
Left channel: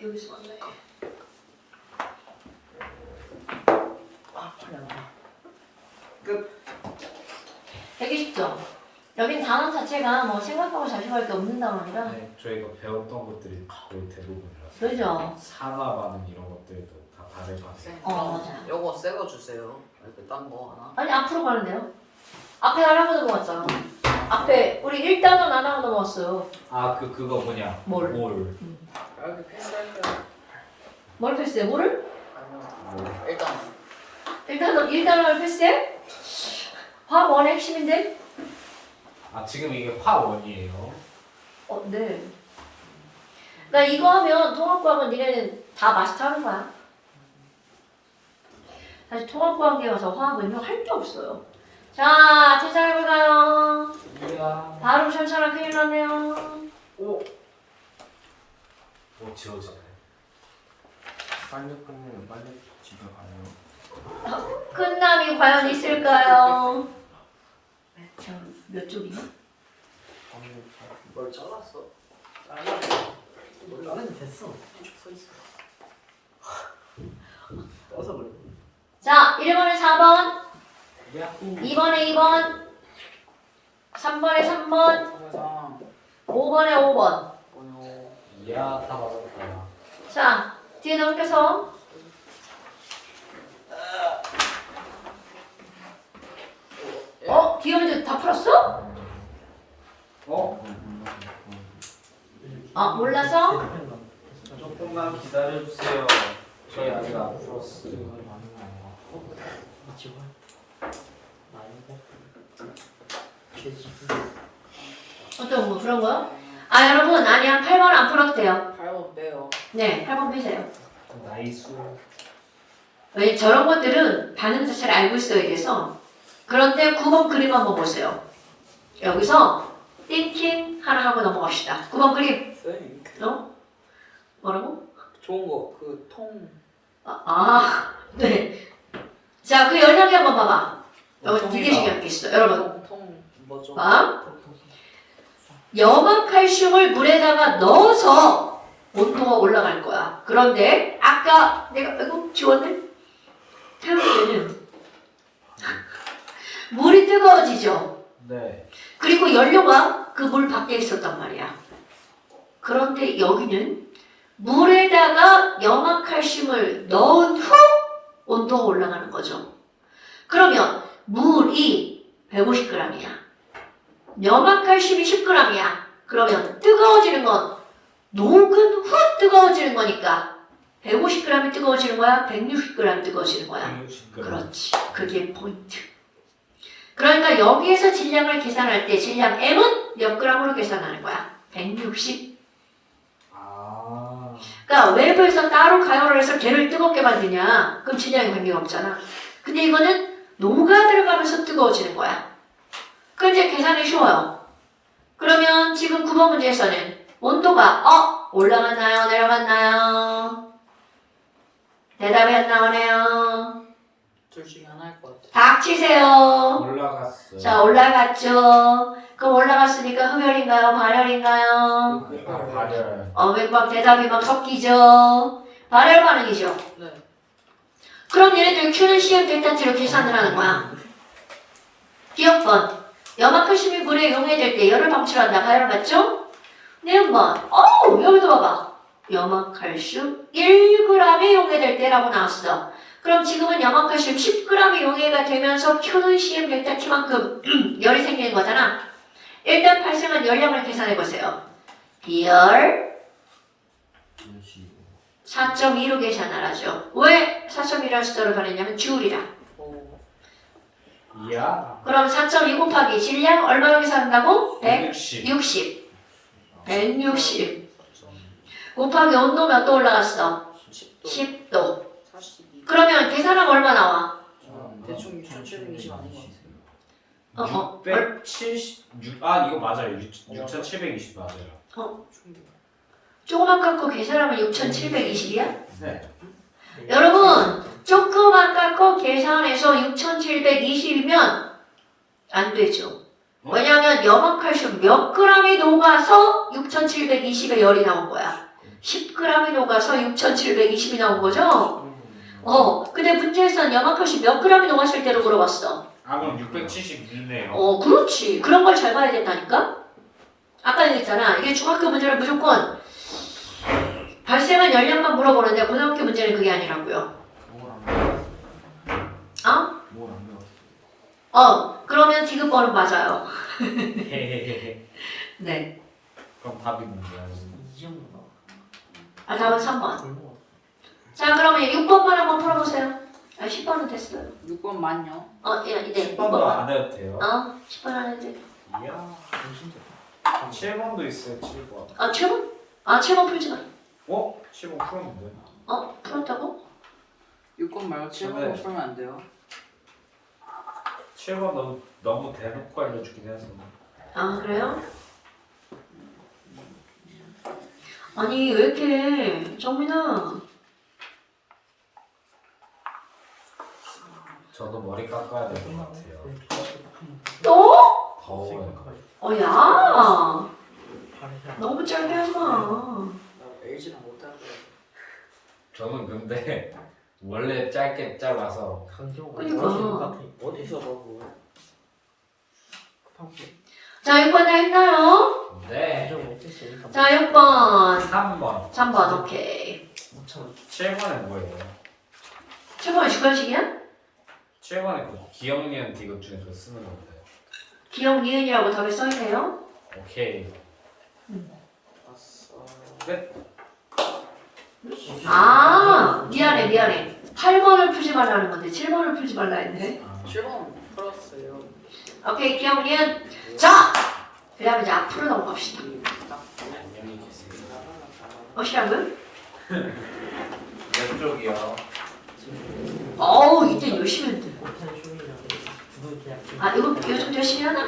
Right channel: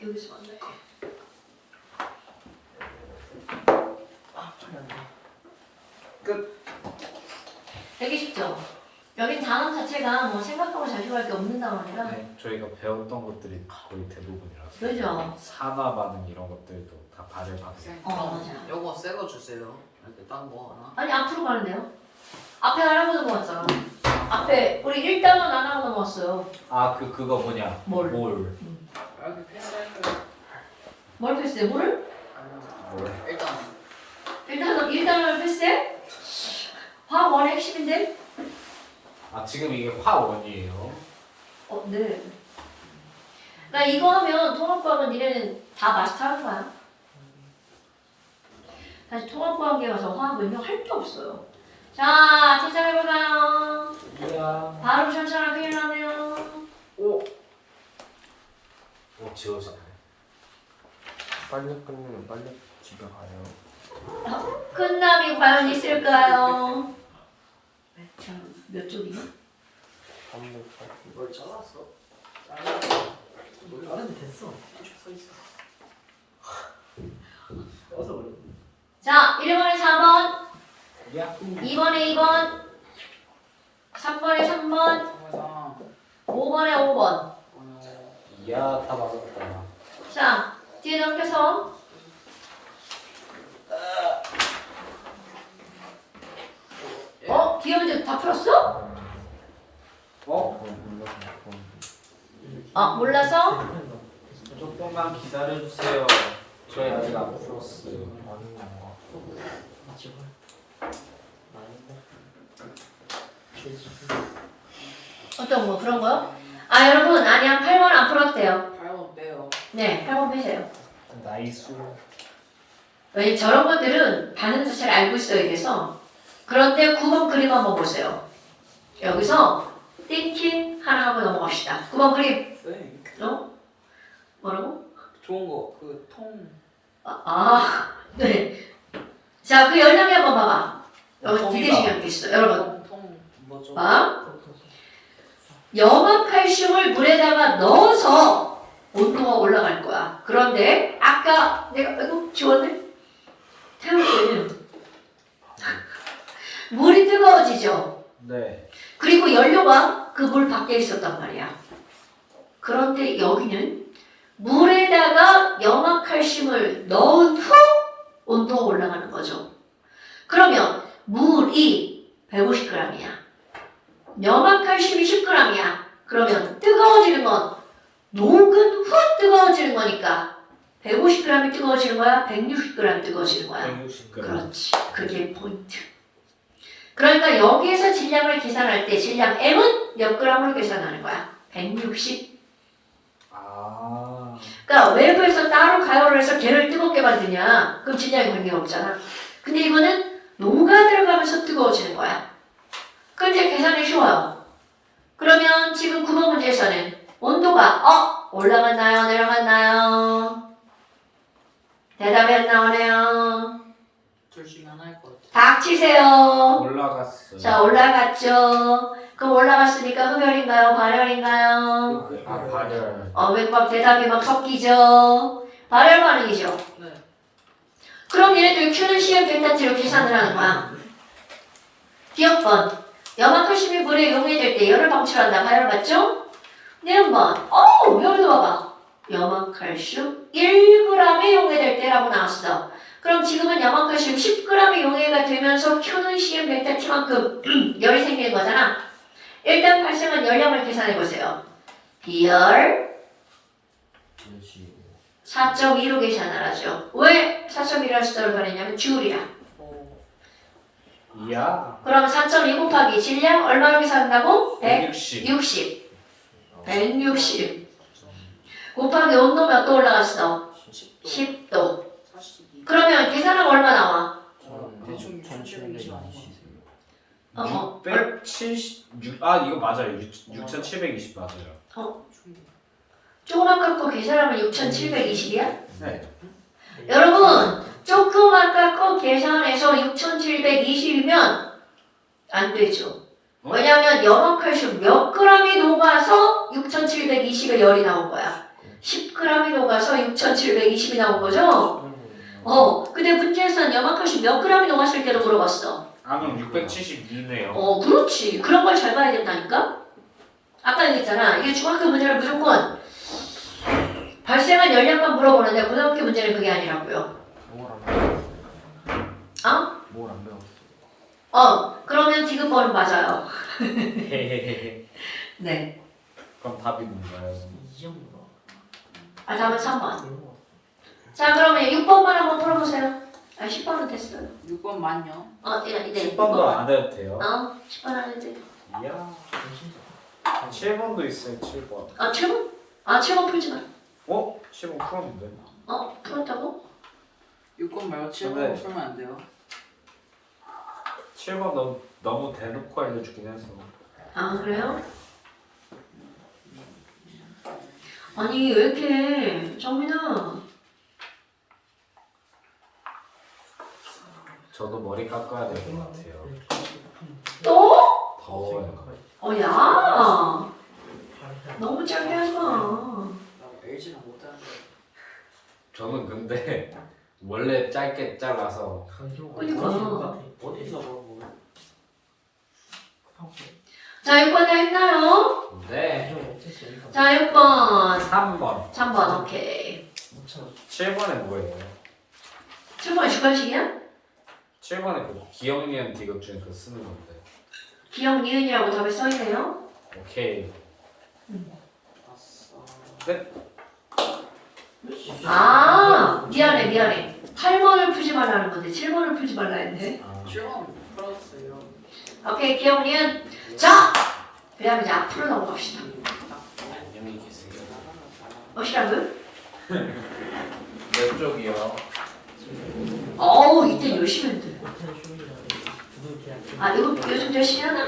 여기서 왔네. 끝. 되게 쉽죠? 여긴 단원 자체가 뭐 생각하고 자식할 게 없는 단원이라. 네, 저희가 배웠던 것들이 거의 대부분이라서. 그죠? 산화 반응 이런 것들도 다 발열 반응. 맞아. 요거 새거 주세요. 이렇게 딴거 하나. 아니 앞으로 가는데요? 앞에 하나만 넘어왔잖아. 앞에 우리 1단원 하나만 넘어왔어요. 아 그거 뭐냐? 뭘? 뭘? 뭘 패스해? 뭐를? 일단 1단원을 패스해? 화원 핵심인데? 아 지금 이게 화원이에요. 네. 그러니까 이거 하면 통합과학은 니네는 다 마스터하는 거야. 사실 통합과학에 와서 화학은요 할 게 없어요. 자, 퇴사해볼까요? 이야. 발음 천천히 큰일 났네요. 오 지워지네. 빨리 끝내면 빨리 집에 가요. 끝남이 과연 있을까요? 자, 몇 쪽이야? 이걸 잘랐어. 이걸 자르면 됐어. 쭉 써있어. 써서 그래. 자, 1번에 4번, 야. 2번에 2번, 3번에 3번, 항상 5번에 5번. 이야 다 맞았다. 자, 뒤에 넘겨서 기억이 다 풀었어? 아, 몰라서? 조금만 기다려주세요. 저희 아직 안 풀었어요. 어떤 거, 그런 거요? 아, 여러분, 아니야. 8번 안 풀어도 돼요. 8번 빼요. 네, 8번 빼세요. 나이스. 왜냐면 저런 것들은 반응 자체를 알고 있어야 돼서. 그런데 9번 그림 한번 보세요. 여기서 띵킹 하나 하고 넘어갑시다. 9번 그림. 네. 뭐라고? 좋은 거, 그 통. 네. 자, 그 열람이 한번 봐봐. 여기 디귿이 이렇게 있어. 여러분. 통 뭐죠? 봐. 염화칼슘을 물에다가 넣어서 온도가 올라갈 거야. 그런데 아까 내가 이거 지웠네? 태울 때는 물이 뜨거워지죠. 네. 그리고 연료가 그 물 밖에 있었단 말이야. 그런데 여기는 물에다가 염화칼슘을 넣은 후 온도가 올라가는 거죠. 그러면 물이 150g이야. 염화칼슘이 10g이야. 그러면 뜨거워지는 건 녹은 후 뜨거워지는 거니까 150g이 뜨거워지는 거야? 160g이 뜨거워지는 거야? 160g. 그렇지. 그게 포인트. 그러니까 여기에서 질량을 계산할 때 질량 M은 몇 g으로 계산하는 거야? 160. 아. 그러니까 외부에서 따로 가열을 해서 걔를 뜨겁게 만드냐? 그럼 질량이 관계가 없잖아. 근데 이거는 녹아 들어가면서 뜨거워지는 거야. 그 이제 계산이 쉬워요. 그러면 지금 9번 문제에서는 온도가 올라갔나요? 내려갔나요? 대답이 안 나오네요. 둘 중에 하나 할 것 같아. 닥치세요. 올라갔어. 자, 올라갔죠. 그럼 올라갔으니까 흡열인가요? 발열인가요? 발열. 왜 막 대답이 막 섞이죠? 발열 반응이죠. 네. 그럼 얘네들 Q는 시험 델타치로 계산을 하는 거야. 기억번. 염화칼슘이 물에 용해될 때 열을 방출한다. 발열 맞죠? 내용번. 여기도 봐봐. 염화칼슘 1g이 용해될 때라고 나왔어. 그럼 지금은 염화칼슘 10g이 용해가 되면서 Q는 CM 델타치만큼 열이 생기는 거잖아. 일단 발생한 열량을 계산해보세요. 비열 4.2로 계산을 하죠. 왜 4.2라는 숫자를 발했냐면 줄이야. 이야. 그럼 4.2 곱하기 질량 얼마 계산한다고? 160. 160 곱하기 온도 몇 도 올라갔어? 10도. 10도. 42. 그러면 계산하면 얼마 나와? 대충 1720 아닌가? 676. 아 이거 맞아요. 6720 맞아요. 조금 아깝고 계산하면 6720이야? 네. 여러분 조금 아깝고 계산해서 6720이면 안 되죠. 왜냐하면 염화칼슘 몇 g이 녹아서 6720의 열이 나온 거야. 10g이 녹아서 6720이 나온 거죠? 근데 문제에서는 염화칼슘 몇 g이 녹았을 때로 물어봤어. 아 그럼 672네요. 그렇지. 그런 걸 잘 봐야 된다니까? 아까 얘기했잖아. 이게 중학교 문제를 무조건 발생한 열량만 물어보는데 고등학교 문제는 그게 아니라고요. 뭘안 배웠어? 그러면 디귿번은 맞아요. 헤헤헤헤. 네. 그럼 답이 뭔가요? 이 정도. 답은 3번. 자, 그러면 6번만 한번 풀어보세요. 10번은 됐어요. 6번 맞냐? 네. 10번도 안 해도 돼요? 10번 안 해도 돼. 이야. 7번도 있어요. 7번. 7번? 아 7번 풀지 마. 7번 풀었는데. 풀었다고? 6번 말고 7번 풀면 안 돼요. 7번 너무 대놓고 알려주긴 했어. 아 그래요? 아니 왜 이렇게 정민아 저도 머리 깎아야 될 것 같아요. 또? 더워요. 야 너무 짧게 하지 마. 나 LG는 못하는 거야. 저는 근데 원래 짧게 잘라서 그러니까. 어디서 그러고. 자 6번 다 했나요? 네. 자 6번 3번. 3번 오케이. 7번에 뭐예요? 7번 주관식이야? 7번에 그 기억 니은 디귿 중에서 쓰는 건데. 기억 니은이라고 답에 써있네요. 오케이. 아싸. 아 미안해 8번을 풀지 말라는 건데 7번을 풀지 말라 했네. 7번 풀었어요. 오케이 기억 니은. 자 그 다음에 이제 앞으로 넘어갑시다. 안녕히 계세요. 어시라고요? 왼쪽이요. 어우 이때 열심히 했는데. 아 이거 요즘 열심히 하나?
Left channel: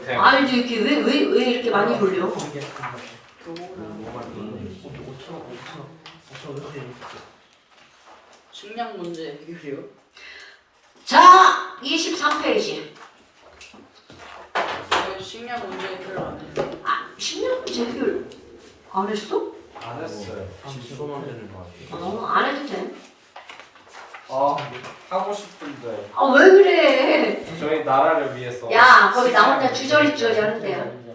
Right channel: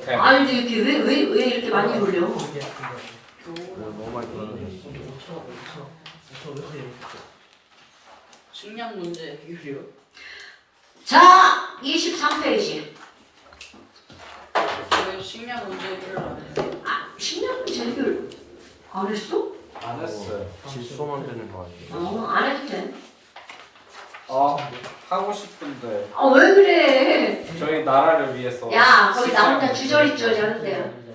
그냥 아 요즘 이렇게 왜 이렇게 많이 돌려? 식량 문제 해결이요? 자 23페이지. 왜 식량 문제 해결 안 해? 아 10년 문제 해결 안 했어? 안 했어요. 질소 만드는 거 아니에요? 안 해도 돼. 하고 싶은데 아 왜 그래? 저희 나라를 위해서 야 거기 나 혼자 주저리주저리 하는데요.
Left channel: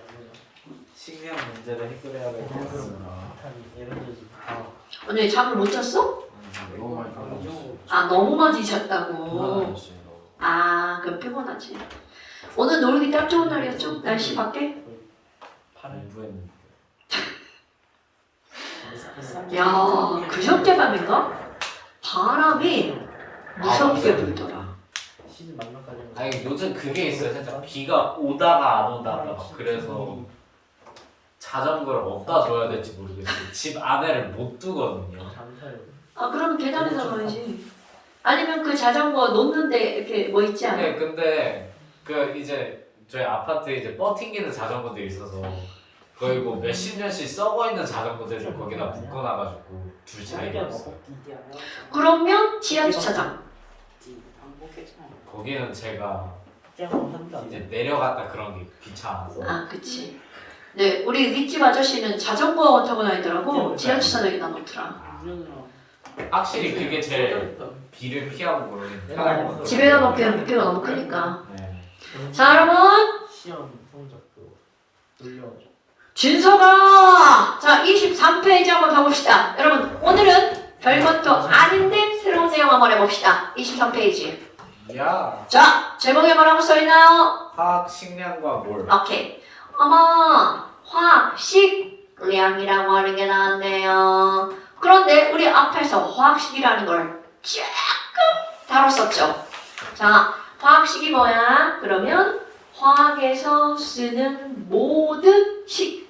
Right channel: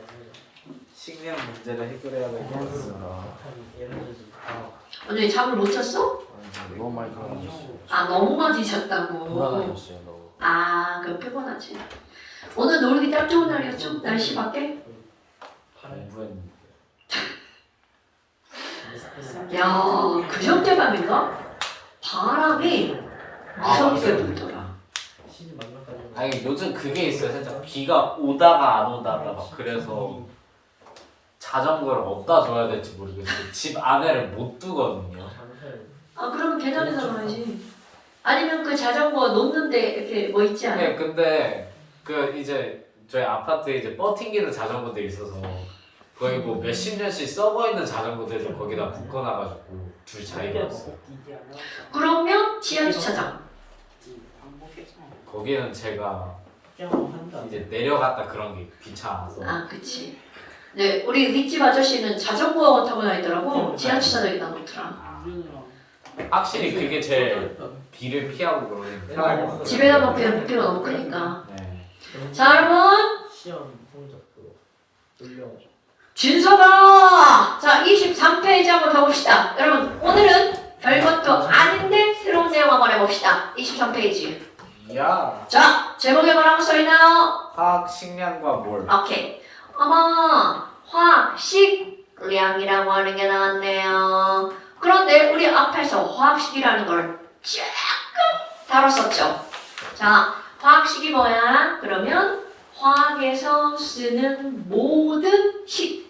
식량 문제를 해결해야 될 것 같습니다. 오늘 잠을 못 잤어? 너무 많이 달라졌어. 아 너무 많이 잤다고. 불안해졌어요 너무. 아 그럼 피곤하지. 오늘 놀기 딱 좋은 날이었죠? 날씨 밖에? 공부했는데. 야그 형제방인가? 바람이 무섭게 불더라. 아니 요즘 그게 있어요. 살짝 비가 오다가 안 오다가 막 그래서 자전거를 어디다 둬야 될지 모르겠어요. 집 안에를 못 두거든요. 아 그러면 계단에다 놔야지. 아니면 그 자전거 놓는데 이렇게 뭐 있지 않아? 네, 근데 그 이제 저희 아파트에 이제 뻗팅기는 자전거들이 있어서 거의 뭐 몇십 년씩 썩어 있는 자전거들을 거기다 묶어놔가지고 둘 자리가 없어요. 그러면 지하 주차장. 거기는 제가 이제 내려갔다 그런 게 귀찮아서. 아 그치. 네 우리 윗집 아저씨는 자전거 타고 다니더라고. 지하 주차장에다 놓더라. 확실히 그게 제일 비를 피하고 그러는 편하겠어요. 집에다 놓기엔 묵기가 너무 크니까. 네. 자 여러분 시험 성적도 올려줘. 준서가 자 23페이지 한번 가봅시다. 여러분 오늘은 별것도 아닌데 새로운 내용 한번 해봅시다. 23페이지. 야, 자 제목에 뭐라고 써있나요? 화학 식량과 뭘? 오케이. 어머 화학식량이라고 하는 게 나왔네요. 그런데 우리 앞에서 화학식이라는 걸 조금 다뤘었죠. 자 화학식이 뭐야? 그러면 화학에서 쓰는 모든 식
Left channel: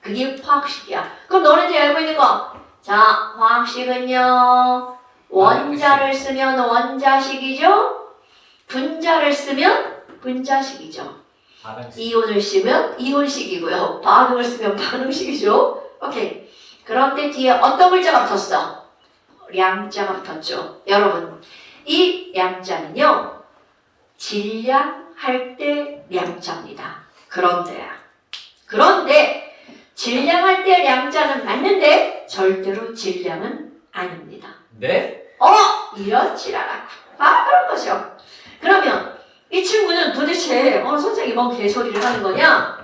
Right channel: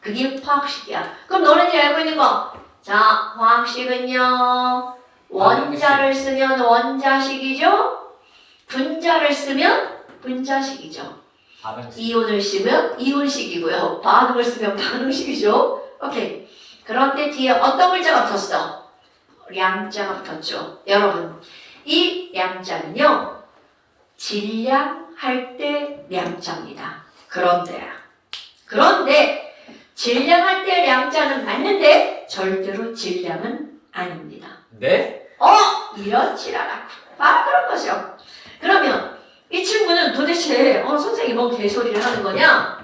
그게 화학식이야. 그럼 너네들이 알고 있는 거. 자 화학식은요 원자를 쓰면 원자식이죠. 분자를 쓰면 분자식이죠. 반응식. 이온을 쓰면 이온식이고요. 반응을 쓰면 반응식이죠. 오케이. 그런데 뒤에 어떤 글자가 붙었어? 량자가 붙었죠. 여러분 이 량자는요 질량할 때 량자입니다. 그런데 질량할 때 량자는 맞는데 절대로 질량은 아닙니다. 네? 이런 지랄하고 바로 그런 거죠. 그러면 이 친구는 도대체 선생님이 뭔 개소리를 하는 거냐?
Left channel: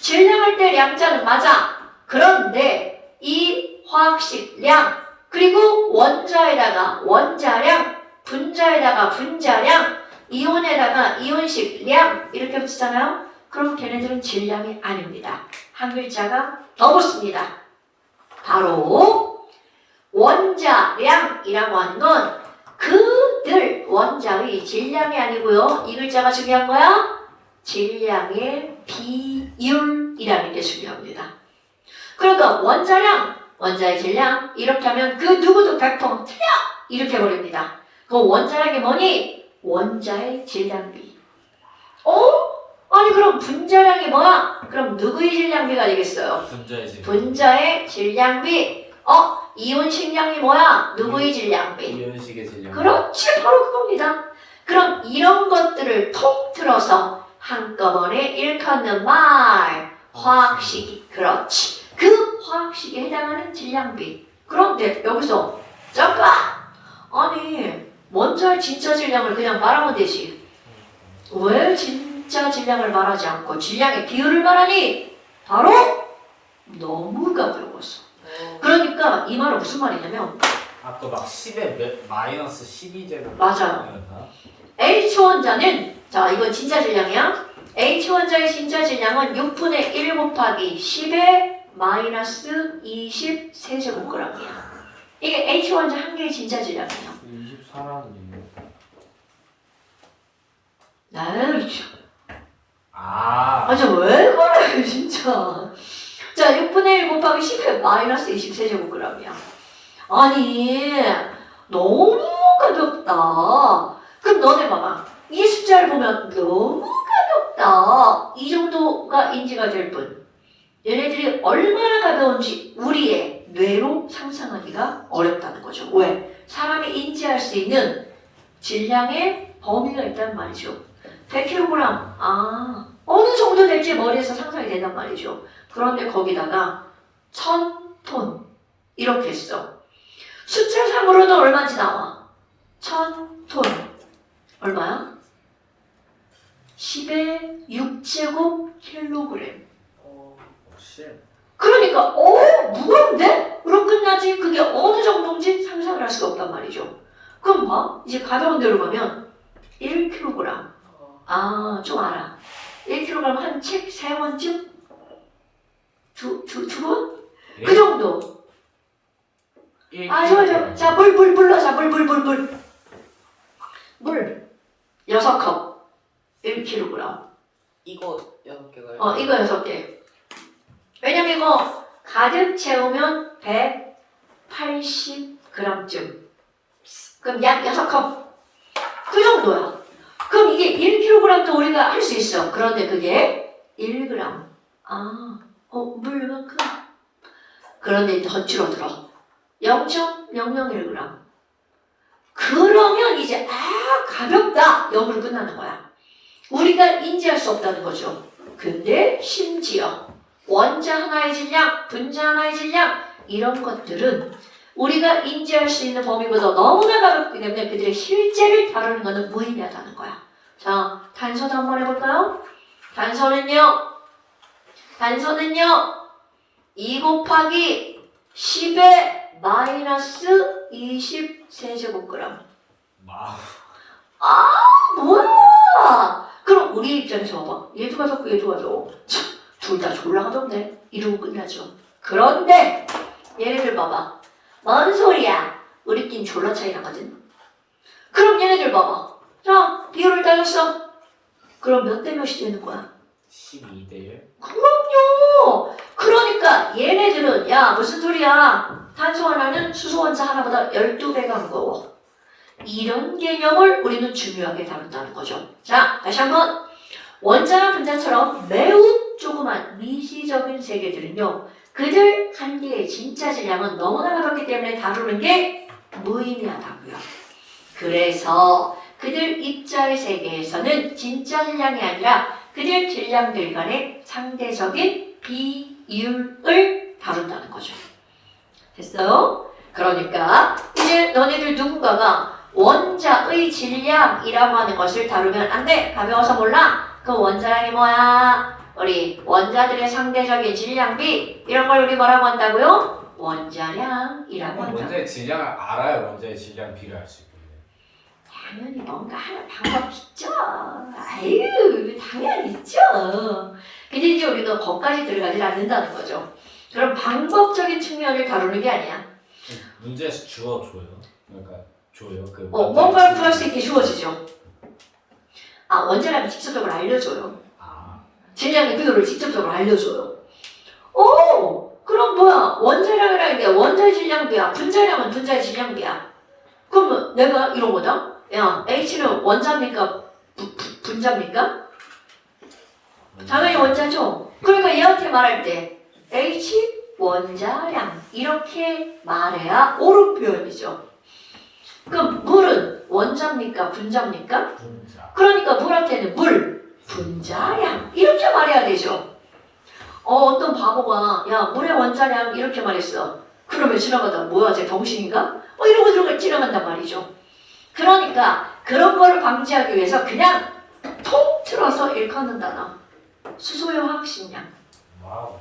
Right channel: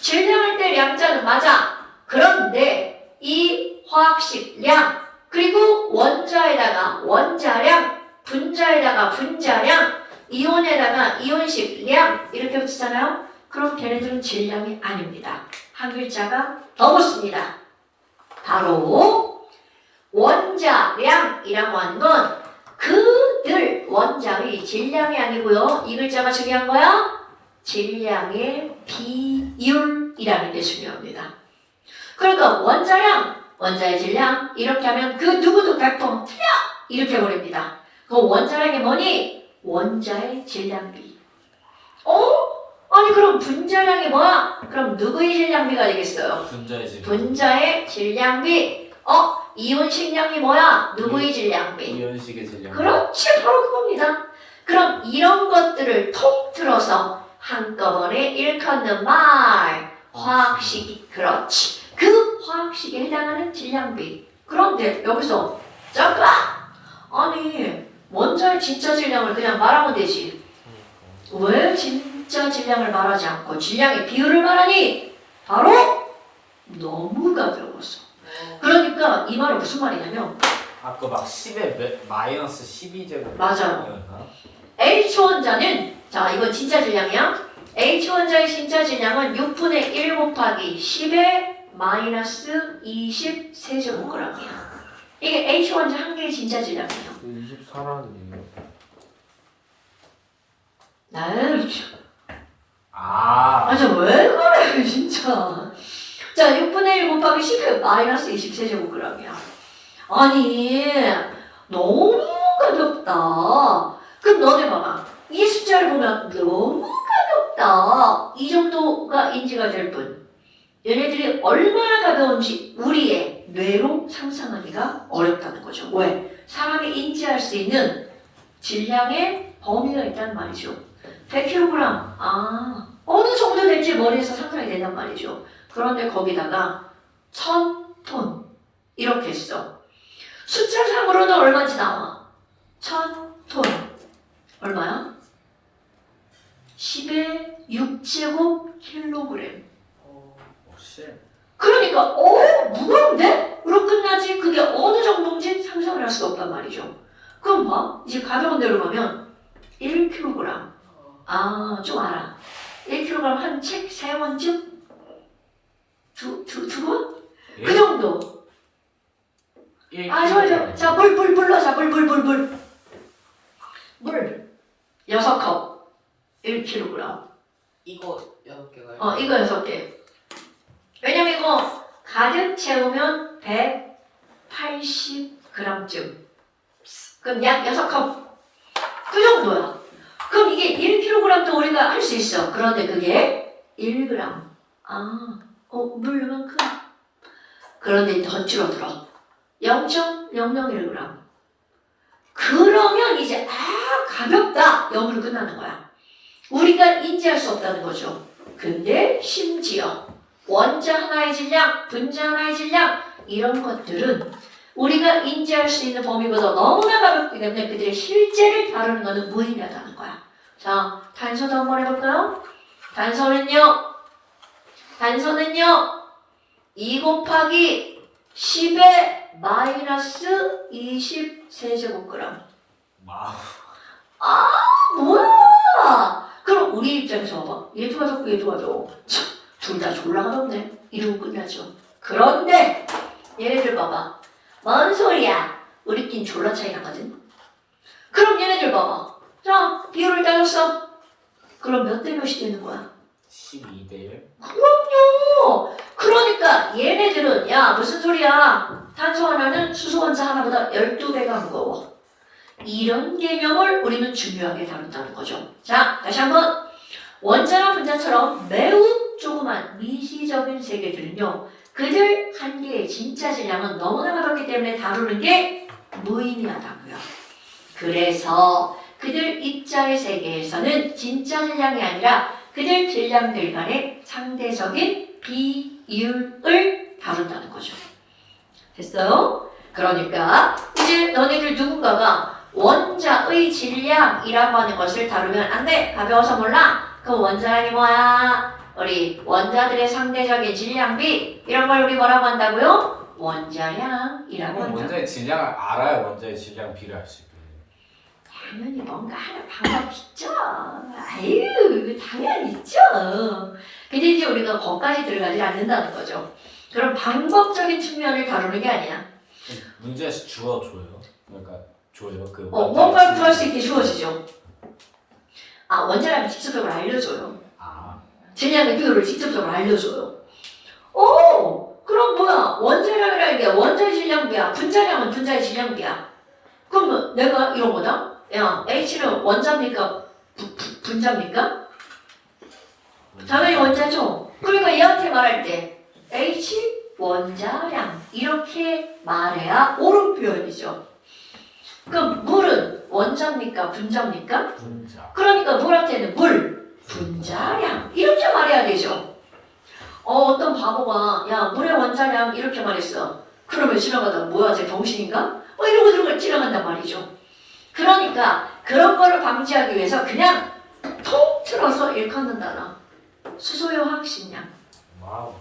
질량할 때 량자는 맞아. 그런데 이 화학식 량 그리고 원자에다가 원자량 분자에다가 분자량 이온에다가 이온식 량 이렇게 붙이잖아요. 그럼 걔네들은 질량이 아닙니다. 한 글자가 더 붙습니다. 바로 원자량이라고 하는 건 그들 원자의 질량이 아니고요. 이 글자가 중요한 거야. 질량의 비율이라는 게 중요합니다. 그러니까 원자량, 원자의 질량 이렇게 하면 그 누구도 100% 틀려! 이렇게 해버립니다. 그 원자량이 뭐니? 원자의 질량비. 아니 그럼 분자량이 뭐야? 그럼 누구의 질량비가 되겠어요? 분자의 질량. 분자의 질량비. 이온식량이 뭐야? 누구의 질량비? 이온식의 질량. 그렇지, 바로 그겁니다. 그럼 이런 것들을 통틀어서 한꺼번에 일컫는 말, 화학식이. 그렇지. 그 화학식에 해당하는 질량비. 그런데 여기서 잠깐! 아니 원자의 진짜 질량을 그냥 말하면 되지. 왜 진짜 질량을 말하지 않고 질량의 비율을 말하니? 바로 너무 가벼웠어. 그러니까 이 말은 무슨 말이냐면 아까 막 10에 마이너스 12제곱. 맞아요. H 원자는 자 이건 진짜 질량이야. H원자의 진짜 질량은 6분의 1 곱하기 10의 마이너스 20 세제곱그램이야. 이게 H원자 한 개의 진짜 질량이에요. 24라는데요. 아니 왜 그래 진짜. 자 6분의 1 곱하기 10의 마이너스 20 세제곱그램이야. 아니 너무 가볍다. 그럼 너네 봐봐. 이 숫자를 보면 너무 가볍다. 이 정도가 인지가 될 뿐. 얘네들이 얼마나 가벼운지 우리의 뇌로 상상하기가 어렵다는 거죠. 왜? 사람이 인지할 수 있는 질량의 범위가 있단 말이죠. 100kg, 어느 정도 될지 머리에서 상상이 된단 말이죠. 그런데 거기다가 1000톤 이렇게 했어. 숫자상으로는 얼마인지 나와? 1000톤 얼마야? 10의 6제곱 킬로그램. 그러니까 무거운데? 으로 끝나지 그게 어느 정도인지 상상을 할 수가 없단 말이죠. 그럼 봐. 이제 가벼운 데로 가면 1kg. 좀 알아. 1kg 한 책 3권쯤? 두 권? 그 정도. 좋아. 자, 물 넣자. 물. 물 6컵. 1kg. 이거 6개가 이거 6개. 왜냐면 이거 가득 채우면 180g쯤. 그럼 약 6컵. 그 정도야. 그럼 이게 1kg도 우리가 할 수 있어. 그런데 그게 1g. 물 이만큼. 그런데 이제 더 줄어들어. 0.001g. 그러면 이제 가볍다. 0으로 끝나는 거야. 우리가 인지할 수 없다는 거죠. 근데 심지어 원자 하나의 질량, 분자 하나의 질량 이런 것들은 우리가 인지할 수 있는 범위보다 너무나 가볍기 때문에 그들의 실제를 다루는 것은 무의미하다는 거야. 자, 단서도 한번 해볼까요? 단서는요 2 곱하기 10의 마이너스 20 세제곱그램. 뭐야? 그럼 우리 입장에서 봐봐. 얘도 가졌고 얘도 가져. 둘 다 졸라 가졌네. 이러고 끝나죠. 그런데 얘네들 봐봐. 뭔 소리야? 우리끼리 졸라 차이 나거든. 그럼 얘네들 봐봐. 자, 비율을 따졌어. 그럼 몇 대 몇이 되는 거야? 12대 1. 그럼요. 그러니까 얘네들은 야 무슨 소리야. 탄소 하나는 수소 원자 하나보다 12배가 무거워. 이런 개념을 우리는 중요하게 다룬다는 거죠. 자, 다시 한번. 원자나 분자처럼 매우 조그만 미시적인 세계들은요. 그들 한 개의 진짜 질량은 너무나 가볍기 때문에 다루는 게 무의미하다고요. 그래서 그들 입자의 세계에서는 진짜 질량이 아니라 그들 질량들 간의 상대적인 비율을 다룬다는 거죠. 됐어요? 그러니까 이제 너네들 누군가가 원자의 질량이라고 하는 것을 다루면 안 돼. 가벼워서 몰라. 그 원자량이 뭐야? 우리 원자들의 상대적인 질량비 이런 걸 우리 뭐라고 한다고요? 원자량이라고 한다. 원자의 질량을 알아야 원자의 질량 비를 알 수 있겠네. 당연히 뭔가 하는 방법 있죠. 아유, 당연히 있죠. 근데 이제 우리가 거기까지 들어가지 않는다는 거죠. 그럼 방법적인 측면을 다루는 게 아니야. 문제에서 주어줘요. 그러니까 줘요. 뭔가를 구할 수 있게 주어지죠. 원자량을 직접적으로 알려줘요. 질량의 비율을 직접적으로 알려줘요. 오, 그럼 뭐야? 원자량이라는 게 원자의 질량비야. 분자량은 분자의 질량비야. 그러면 내가 이런 거다. 야, H는 원자입니까? 분자입니까? 당연히 원자죠. 그러니까 얘한테 말할 때 H 원자량 이렇게 말해야 옳은 표현이죠. 그럼 물은 원자입니까? 분자입니까? 분자. 그러니까 물한테는 물, 분자량 이렇게 말해야 되죠. 어떤 바보가 야 물의 원자량 이렇게 말했어. 그러면 지나가다 뭐야 쟤 병신인가? 이러고 들어가 지나간단 말이죠. 그러니까 그런 거를 방지하기 위해서 그냥 통틀어서 일컫는 단어. 수소의 화학식량, 와우.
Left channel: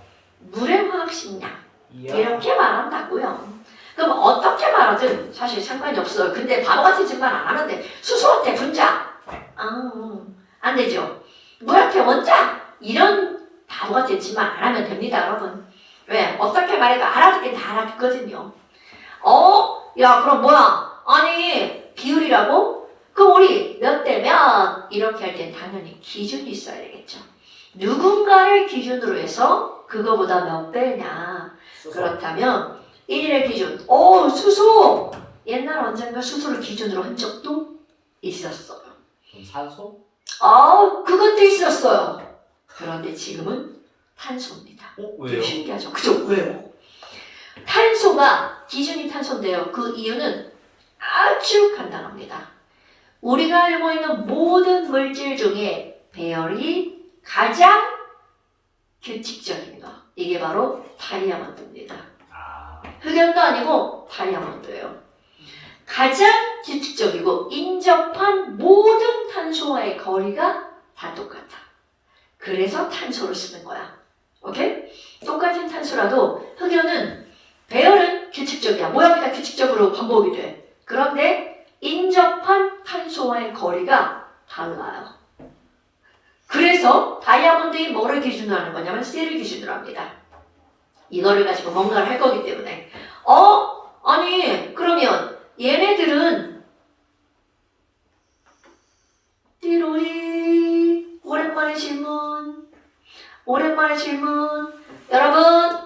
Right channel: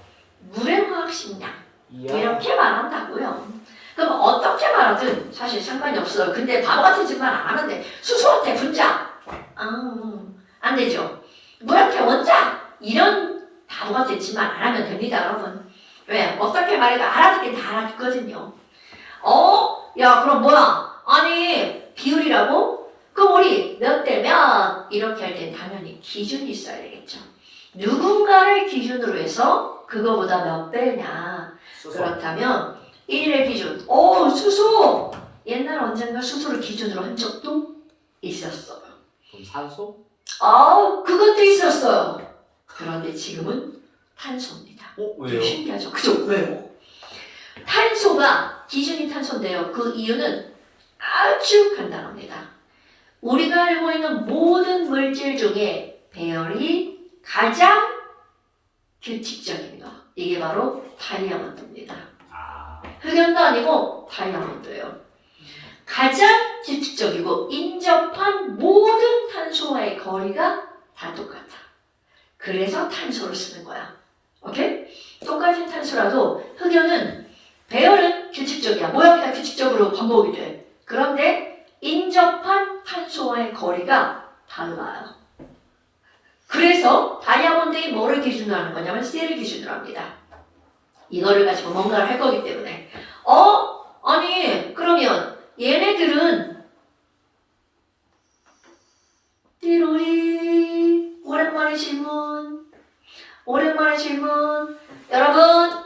물의 화학식량 이야. 이렇게 말한다고요. 그럼 어떻게 말하든 사실 상관이 없어요. 근데 바보 같은 짓만 안 하면 돼. 수소한테 분자, 안 되죠. 물한테 원자 이런 바보 같은 짓만 안 하면 됩니다, 여러분. 왜? 어떻게 말해도 알아듣긴 다 알아듣거든요. 야 그럼 뭐야? 아니 비율이라고? 그럼 우리 몇 대 몇 이렇게 할 땐 당연히 기준이 있어야 되겠죠. 누군가를 기준으로 해서 그거보다 몇 배냐. 그렇다면 1의 기준. 수소! 옛날 언젠가 수소를 기준으로 한 적도 있었어요. 그럼 산소? 그것도 있었어요. 그런데 지금은 탄소입니다. 왜요? 신기하죠? 그죠? 왜요? 탄소가 기준이 탄소인데요. 그 이유는 아주 간단합니다. 우리가 알고 있는 모든 물질 중에 배열이 가장 규칙적인 거. 이게 바로 다이아몬드입니다. 흑연도 아니고 다이아몬드예요. 가장 규칙적이고 인접한 모든 탄소와의 거리가 다 똑같아. 그래서 탄소를 쓰는 거야. 오케이? 똑같은 탄소라도 흑연은 배열은 규칙적이야. 모양이 다 규칙적으로 반복이 돼. 그런데 인접한 탄소와의 거리가 달라요. 그래서 다이아몬드의 뭐를 기준으로 하는 거냐면 셀을 기준으로 합니다. 이거를 가지고 뭔가를 할 거기 때문에 아니 그러면 얘네들은 띠로리 오랜만에 질문 여러분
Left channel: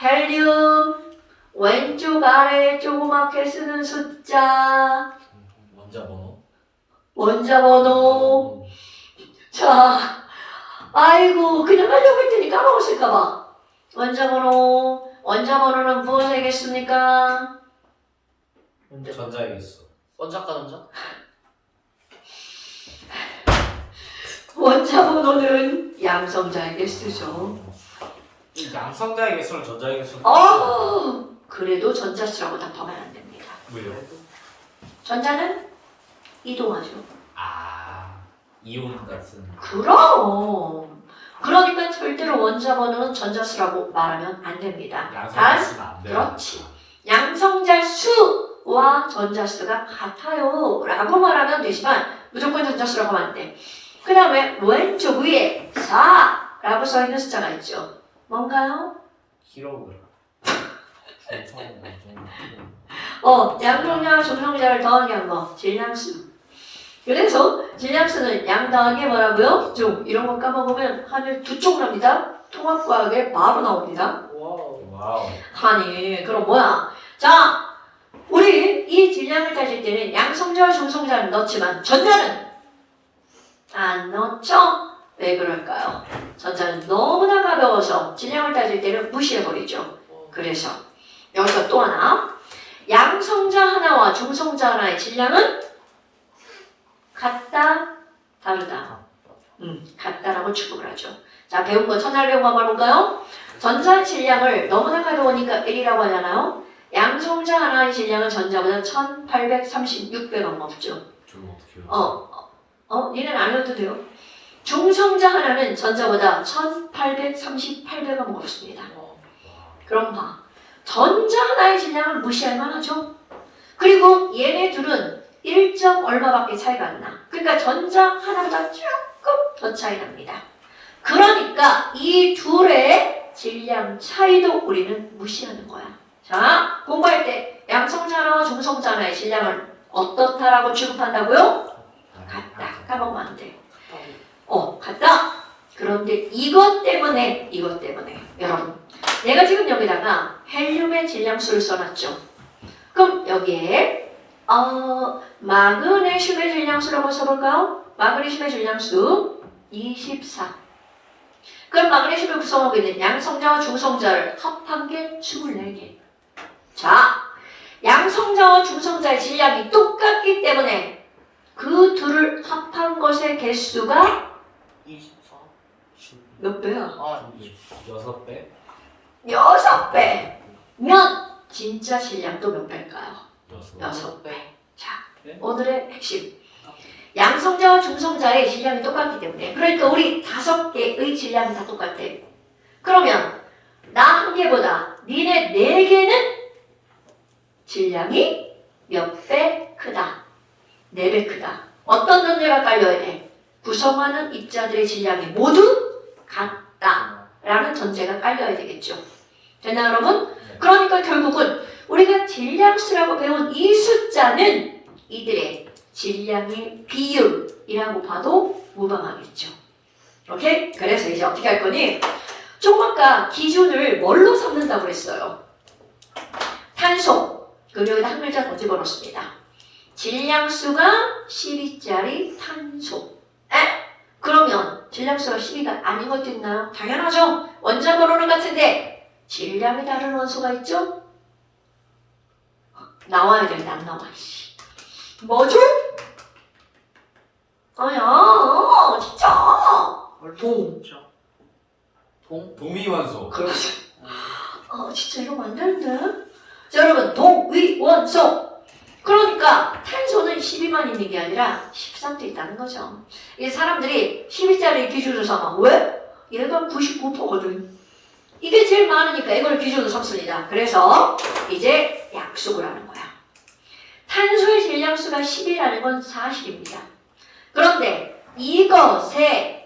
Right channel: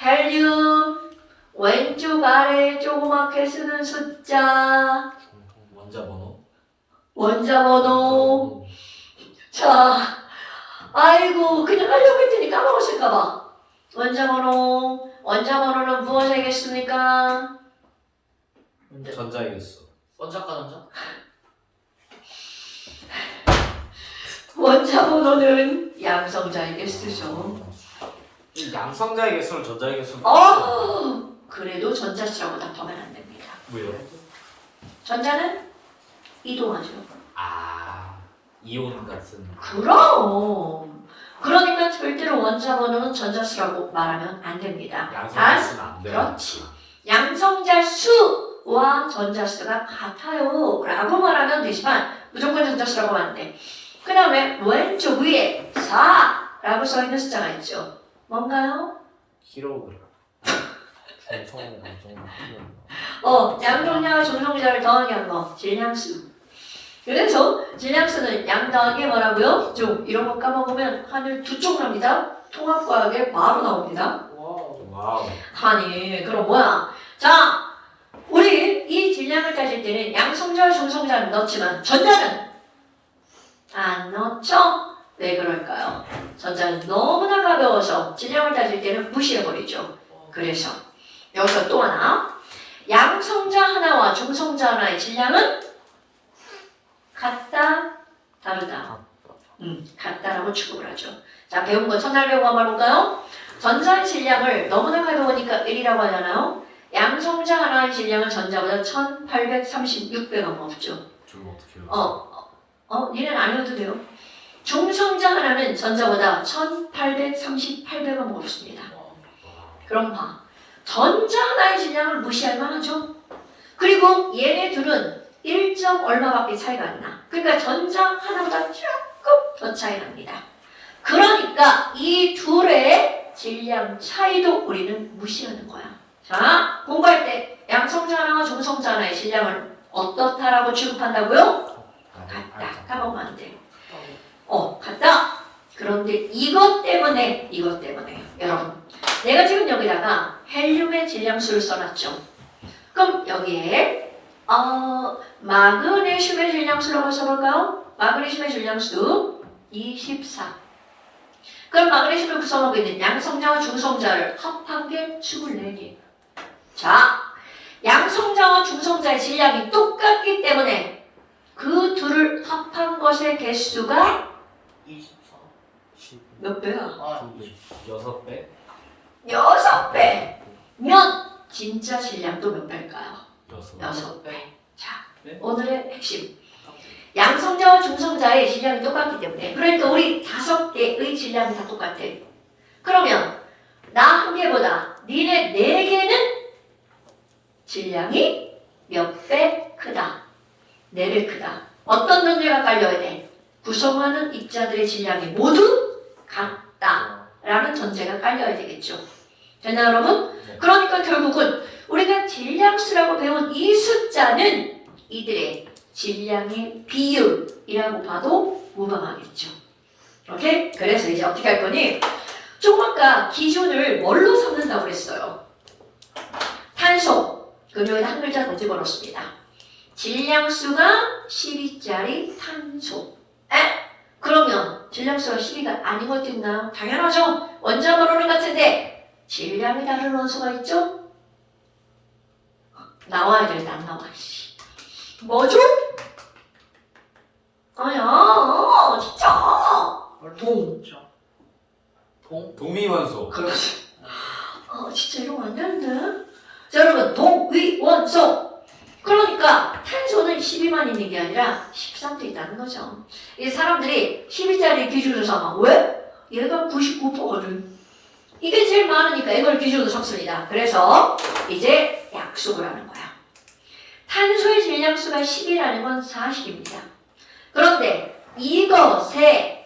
헬륨 왼쪽 아래 조그맣게 쓰는 숫자 원자 번호 자 아이고 그냥 하려고 했더니 까먹었을까봐 원자 번호는 무엇이겠습니까? 전자이겠어. 원자과 전자? 원자 번호는 양성자에게 쓰죠. 양성자이겠어, 전자이겠어. 그래도 전자수라고 답하면 안 됩니다. 왜요? 전자는 이동하죠. 이온 같은. 그럼. 그러니까 절대로 원자 번호는 전자수라고 말하면 안 됩니다. 양성자수는 안 돼요. 그렇지. 양성자 수와 전자수가 같아요 라고 말하면 되지만 무조건 전자수라고 하면 안 돼. 그 다음에 왼쪽 위에 4라고 써있는 숫자가 있죠. 뭔가요? 킬로그램. 양성자와 중성자를 더하게 한 거, 질량수. 그래서 질량수는 양 더하기 뭐라고요? 중. 이런 거 까먹으면 하늘 두 쪽 납니다. 통합과학에 바로 나옵니다. 와우. 아니 그럼 뭐야? 자 우리 이 질량을 따질 때는 양성자와 중성자는 넣지만 전자는 안 넣죠? 왜 그럴까요? 전자는 너무나 가벼워서 질량을 따질 때는 무시해버리죠. 그래서 여기서 또 하나 양성자 하나와 중성자 하나의 질량은 같다 다르다 같다라고 취급을 하죠. 자 배운 거 첫날 배운 거 한번 볼까요? 전자의 질량을 너무나 가벼우니까 1이라고 하잖아요. 양성자 하나의 질량은 전자보다 1836배가 없죠. 좀 어떻게 니는 안 해도 돼요. 중성자 하나는 전자보다 1838배가 무겁습니다. 그럼 봐. 전자 하나의 질량을 무시할 만하죠. 그리고 얘네 둘은 1점 얼마밖에 차이가 안 나. 그러니까 전자 하나보다 조금 더 차이 납니다. 그러니까 이 둘의 질량 차이도 우리는 무시하는 거야. 자, 공부할 때 양성자 하나와 중성자 하나의 질량을 어떻다라고 취급한다고요? 같다. 까먹으면 안 돼. 같다. 그런데 이것 때문에 여러분 내가 지금 여기다가 헬륨의 질량수를 써놨죠. 그럼 여기에 마그네슘의 질량수라고 써볼까요? 마그네슘의 질량수 24. 그럼 마그네슘을 구성하고 있는 양성자와 중성자를 합한 게 24개. 자, 양성자와 중성자의 질량이 똑같기 때문에 그 둘을 합한 것의 개수가 24. 몇 배야? 아, 6배? 6배면 진짜 질량도 몇 배일까요? 6배. 자, 네? 오늘의 핵심. 양성자와 중성자의 질량이 똑같기 때문에 그러니까 우리 5개의 질량이 다 똑같아. 그러면 나 1개보다 니네 4개는 질량이 몇 배 크다. 4배 크다. 어떤 전제가 깔려야 돼? 구성하는 입자들의 질량이 모두 같다. 라는 전제가 깔려야 되겠죠. 되나 여러분? 네. 그러니까 결국은 우리가 질량수라고 배운 이 숫자는 이들의 질량의 비율이라고 봐도 무방하겠죠. 오케이? 그래서 이제 어떻게 할 거니? 좀 아까 기준을 뭘로 삼는다고 했어요? 탄소. 그럼 여기다 한 글자 더 집어넣습니다. 질량수가 12짜리 탄소. 그러면 질량수가 12가 아닌 것도 있나요? 당연하죠. 원자번호는 같은데 질량이 다른 원소가 있죠? 나와야 되는데 안 나와. 뭐죠? 아야 진짜. 동. 동위원소. 그렇지. 진짜 이러면 안 되는데. 자 여러분 동위원소. 그러니까 탄소는 12만 있는 게 아니라 13도 있다는 거죠. 이 사람들이 12짜리 기준으로 삼아. 왜? 얘가 99%거든. 이게 제일 많으니까 이걸 기준으로 삼습니다. 그래서 이제 약속을 하는 거야. 탄소의 질량수가 10이라는 건 사실입니다. 그런데 이것의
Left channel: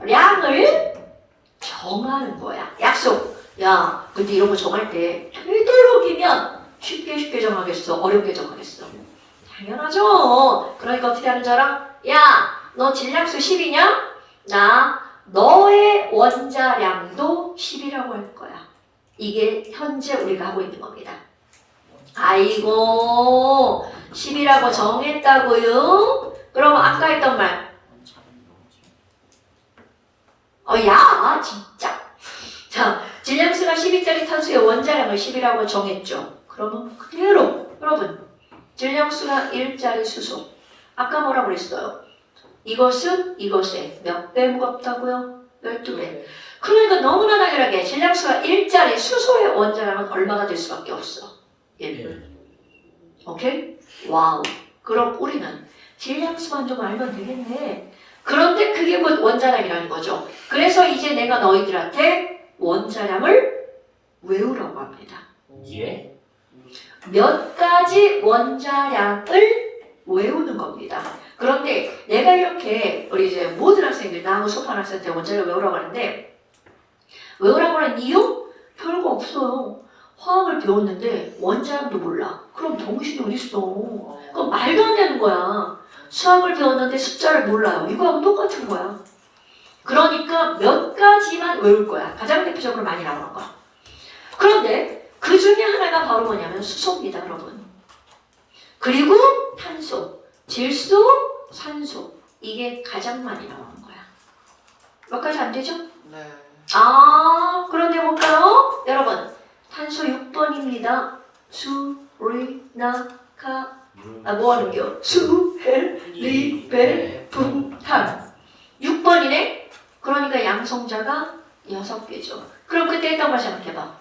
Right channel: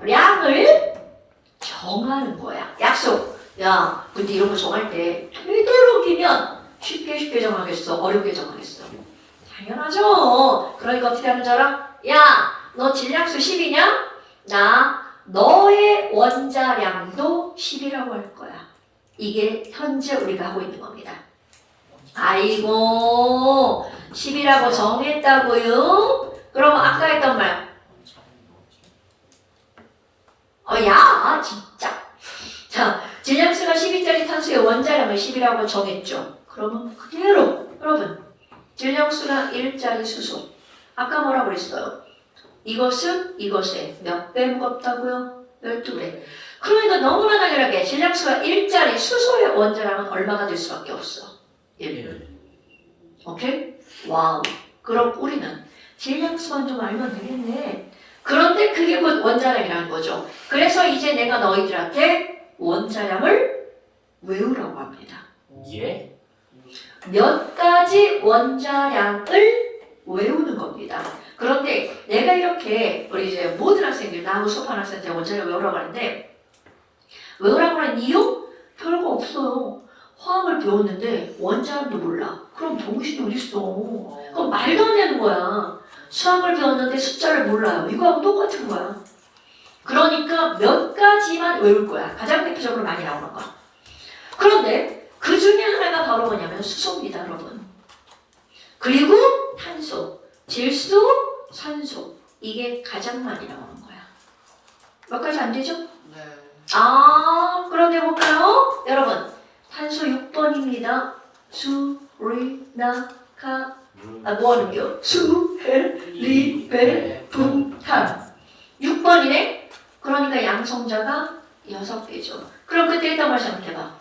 원자량을 정하는 거야. 약속. 야, 근데 이런 거 정할 때 되도록이면 쉽게 정하겠어? 어렵게 정하겠어? 당연하죠. 그러니까 어떻게 하는 줄 알아? 야, 너 질량수 10이냐? 나 너의 원자량도 10이라고 할 거야. 이게 현재 우리가 하고 있는 겁니다. 아이고 10이라고 정했다고요? 그럼 아까 했던 말 야 진짜. 자, 질량수가 12짜리 탄소의 원자량을 10이라고 정했죠. 그러면 그대로 여러분 질량수가 1짜리 수소 아까 뭐라고 그랬어요? 이것은 이것에 몇 배 무겁다고요? 12배. 그러니까 너무나 당연하게 질량수가 1짜리 수소의 원자량은 얼마가 될 수밖에 없어? 1. 오케이? 와우. 그럼 우리는 질량수만 좀 알면 되겠네. 그런데 그게 곧 원자량이라는 거죠. 그래서 이제 내가 너희들한테 원자량을 외우라고 합니다. 예? 몇 가지 원자량을 외우는 겁니다. 그런데 내가 이렇게 우리 이제 모든 학생들 나하고 수업하는 학생한테 원자량 외우라고 하는데 외우라고 하는 이유? 별거 없어요. 화학을 배웠는데 원자량도 몰라. 그럼 정신이 어딨어. 그건 말도 안 되는 거야. 수학을 배웠는데 숫자를 몰라요. 이거하고 똑같은 거야. 그러니까 몇 가지만 외울 거야. 가장 대표적으로 많이 나오는 거야. 그런데 그 중에 하나가 바로 뭐냐면 수소입니다, 여러분. 그리고 탄소, 질소, 산소. 이게 가장 많이 나오는 거야. 몇 가지 안 되죠? 네. 그런데 볼까요? 여러분, 탄소 6번입니다. 수, 리, 나, 카. 뭐 하는겨? 수, 헬, 리, 벨, 분, 탄. 6번이네? 그러니까 양성자가 6개죠. 그럼 그때 했던 걸 생각해봐.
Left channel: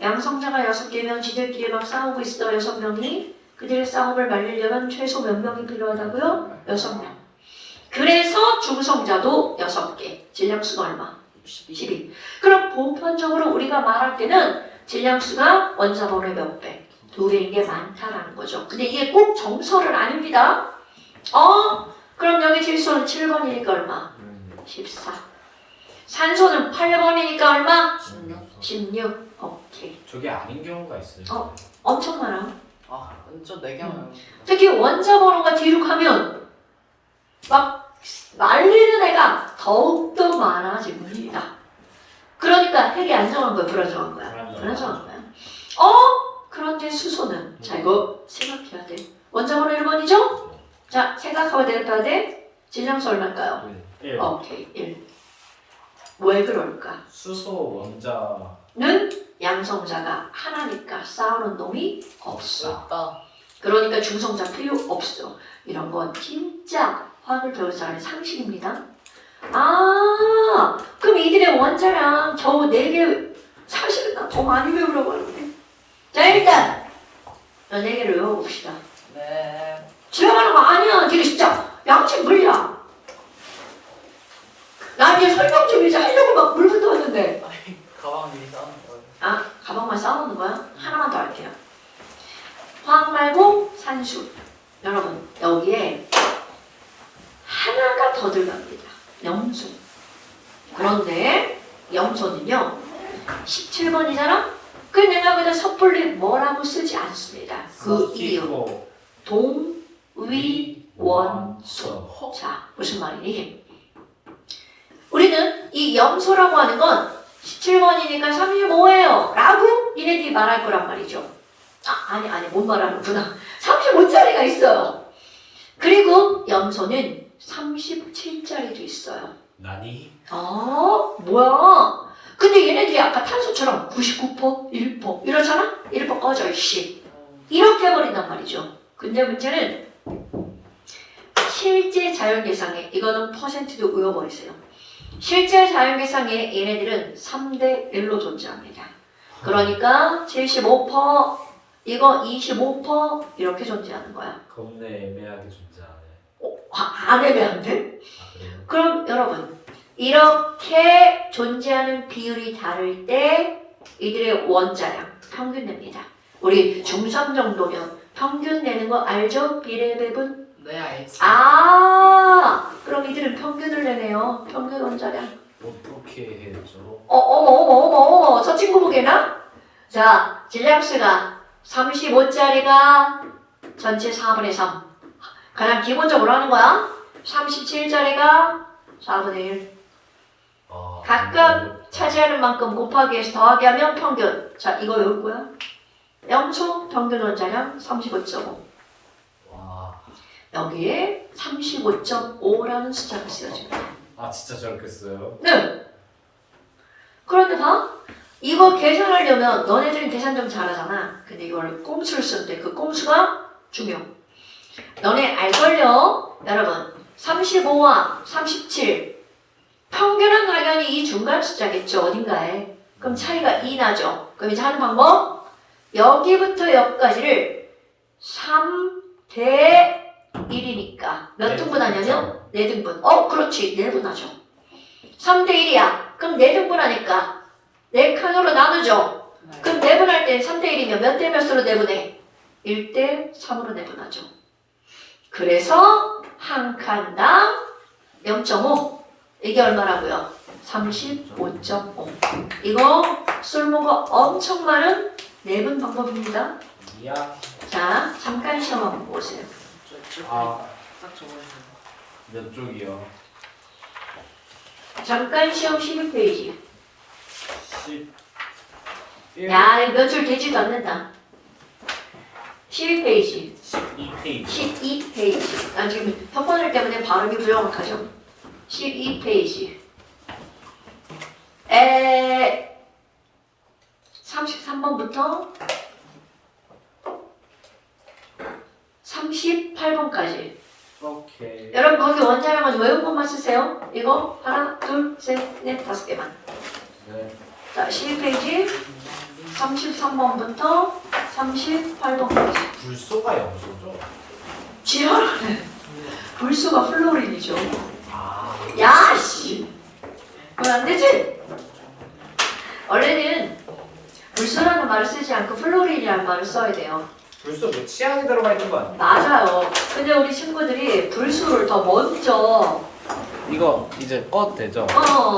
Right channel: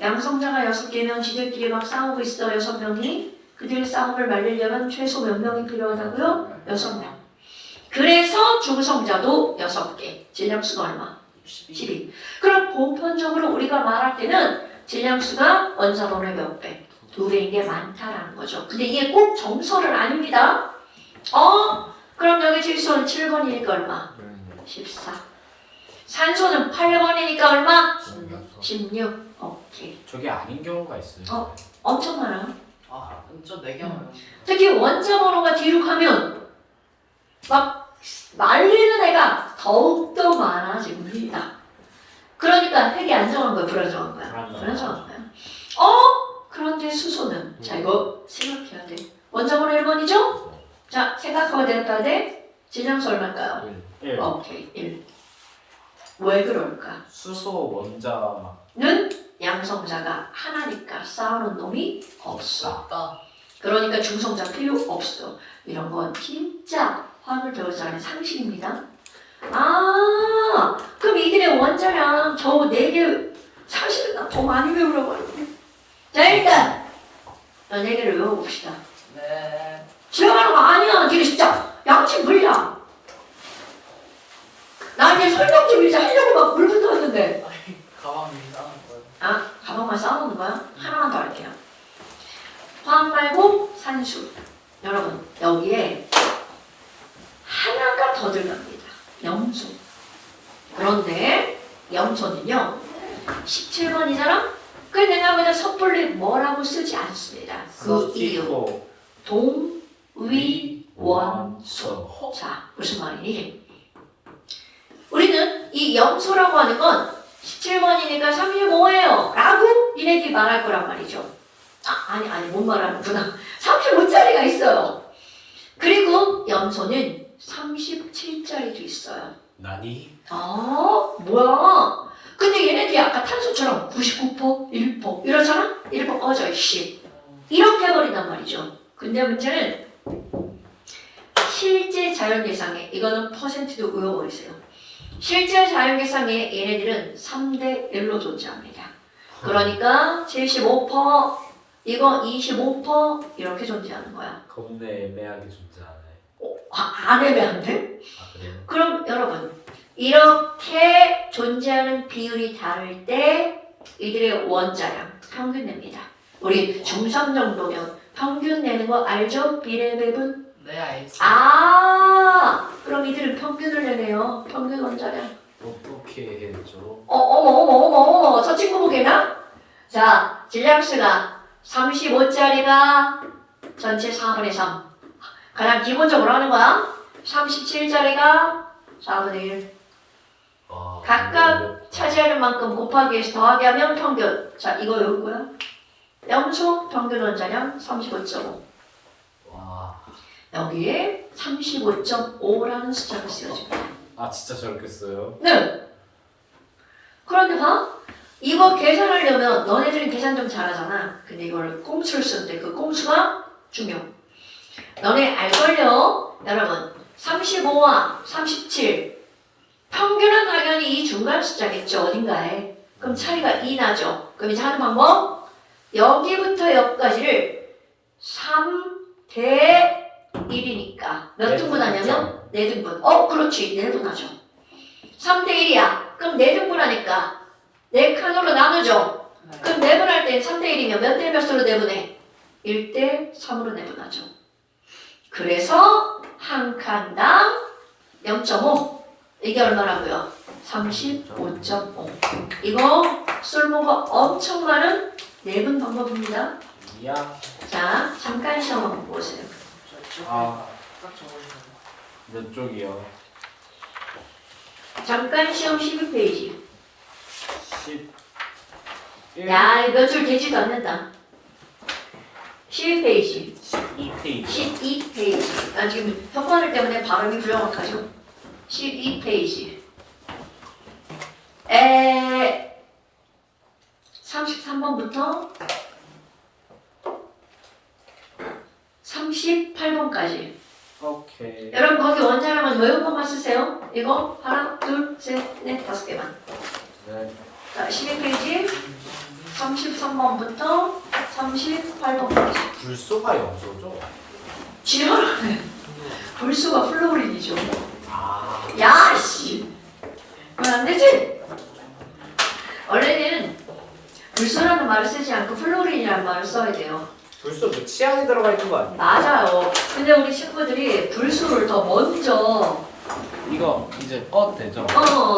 양성자가 6개면 지들끼리 막 싸우고 있어, 6명이. 그들의 싸움을 말리려면 최소 몇 명이 필요하다고요? 6명. 그래서 중성자도 6개. 질량수가 얼마? 12. 그럼 보편적으로 우리가 말할 때는 질량수가 원자번호의 몇 배? 2배인 게 많다라는 거죠. 근데 이게 꼭 정설은 아닙니다. 그럼 여기 질소는 7번이니까 얼마? 14. 산소는 8번이니까 얼마? 16. 오케이. 저게 아닌 경우가 있어요. 엄청 많아요. 아, 저 4개만. 특히 원자번호가 뒤로 가면 막 말리는 애가 더욱더 많아집니다. 그러니까 핵이 안정한 거야, 불안정한 거야? 불안정한 거야. 그런데 수소는 자 이거 생각해야 돼. 원자번호 1번이죠? 자 생각하면 되겠다 돼? 질량수 얼마일까요? 1. 오케이 1. 왜 그럴까? 수소 원자 는 양성자가 하나니까 싸우는 놈이 없어. 없다. 그러니까 중성자 필요 없어. 이런 건 진짜 화학을 배우지 않은 상식입니다. 그럼 이들의 원자량 겨우 4개 사실은 나 더 많이 배우려고 하는데. 자 일단 이 4개를 외워봅시다. 네. 지금 하는 거 아니야. 니네 진짜 양심 물량. 나한테 설명 좀 이제 하려고 막 물 붙었는데. 가방이 싸는 거예요. 가방만 쌓아놓는 거야? 하나만 더 할게요. 화학 말고 산수. 여러분 여기에 하나가 더 들어갑니다. 염소. 그런데 염소는요 17번이잖아? 그 내가 그냥 섣불리 뭐라고 쓰지 않습니다. 그 이유 동위원소. 자 무슨 말이니? 우리는 이 염소라고 하는 건 17번이니까 35예요 라고 니네들이 말할 거란 말이죠. 아니 못 말하는구나. 35짜리가 있어요. 그리고 염소는 37짜리도 있어요. 나니? 뭐야? 근데 얘네들이 아까 탄소처럼 99%, 1% 이러잖아? 1% 꺼져 이씨. 이렇게 해버린단 말이죠. 근데 문제는 실제 자연계상에 이거는 퍼센트도 외워버리세요. 실제 자연계상에 얘네들은 3대 1로 존재합니다. 그러니까 75%, 이거 25% 이렇게 존재하는 거야. 겁내 애매하게 존재하네. 안 애매한데? 그래요? 그럼 여러분 이렇게 존재하는 비율이 다를 때 이들의 원자량 평균 냅니다. 우리 중3 정도면 평균 내는 거 알죠? 비례 배분? 네, 알지. 그럼 이들은 평균을 내네요. 평균 원자량. 어떻게 해줘? 어머 저 친구 보게나? 자 질량수가 35짜리가 전체 4분의 3 가장 기본적으로 하는 거야. 37짜리가 4분의 1 각각 차지하는 만큼 곱하기 해서 더하기 하면 평균. 자 이거 외울 거야. 염소 평균 원자량 35.5. 와. 여기에 35.5라는 숫자가 쓰여집니다. 진짜 저렇게 써요? 네. 그런데 봐. 이거 계산하려면 너네들은 계산 좀 잘하잖아. 근데 이걸 꼼수를 쓰는데 그 꼼수가 중요. 너네 알걸요? 여러분 35와 37 평균은 당연히 이 중간 숫자겠죠. 어딘가에. 그럼 차이가 2 나죠. 그럼 이제 하는 방법 여기부터 여기까지를 3대 1이니까 몇 등분 하냐면 4등분. 그렇지 4분하죠. 3대 1이야. 그럼 4등분 하니까 4칸으로 나누죠. 그럼 4분할 때 3대 1이면 몇 대 몇으로 내분해? 1대 3으로 내분하죠. 그래서 한 칸당 0.5 이게 얼마라고요? 35.5. 이거 쓸모가 엄청 많은 내분 방법입니다. 이야. 자 잠깐 시험 한번 보세요. 몇 쪽이요? 잠깐 시험 12페이지. 11. 야, 몇 줄 되지도 않는다. 12페이지. 2페이지. 12페이지. 나 지금 턱번을 때문에 발음이 불정확하죠? 12페이지. 33번부터 38번까지. 오케이. 여러분 거기 원자량은 외운 것만 쓰세요. 이거 하나, 둘, 셋, 넷, 5개만. 네. 자, 12페이지 33번부터 38번까지. 불소가 염소죠? 지랄하네. 불수가 플로린이죠. 야, 씨. 그건 안 되지? 원래는 불수라는 말을 쓰지 않고 플로린이라는 말을 써야 돼요. 불소 뭐 치약이 들어가 있는 거 아니야? 맞아요. 근데 우리 친구들이 불수를 더 먼저 이거 이제 꺼도 되죠?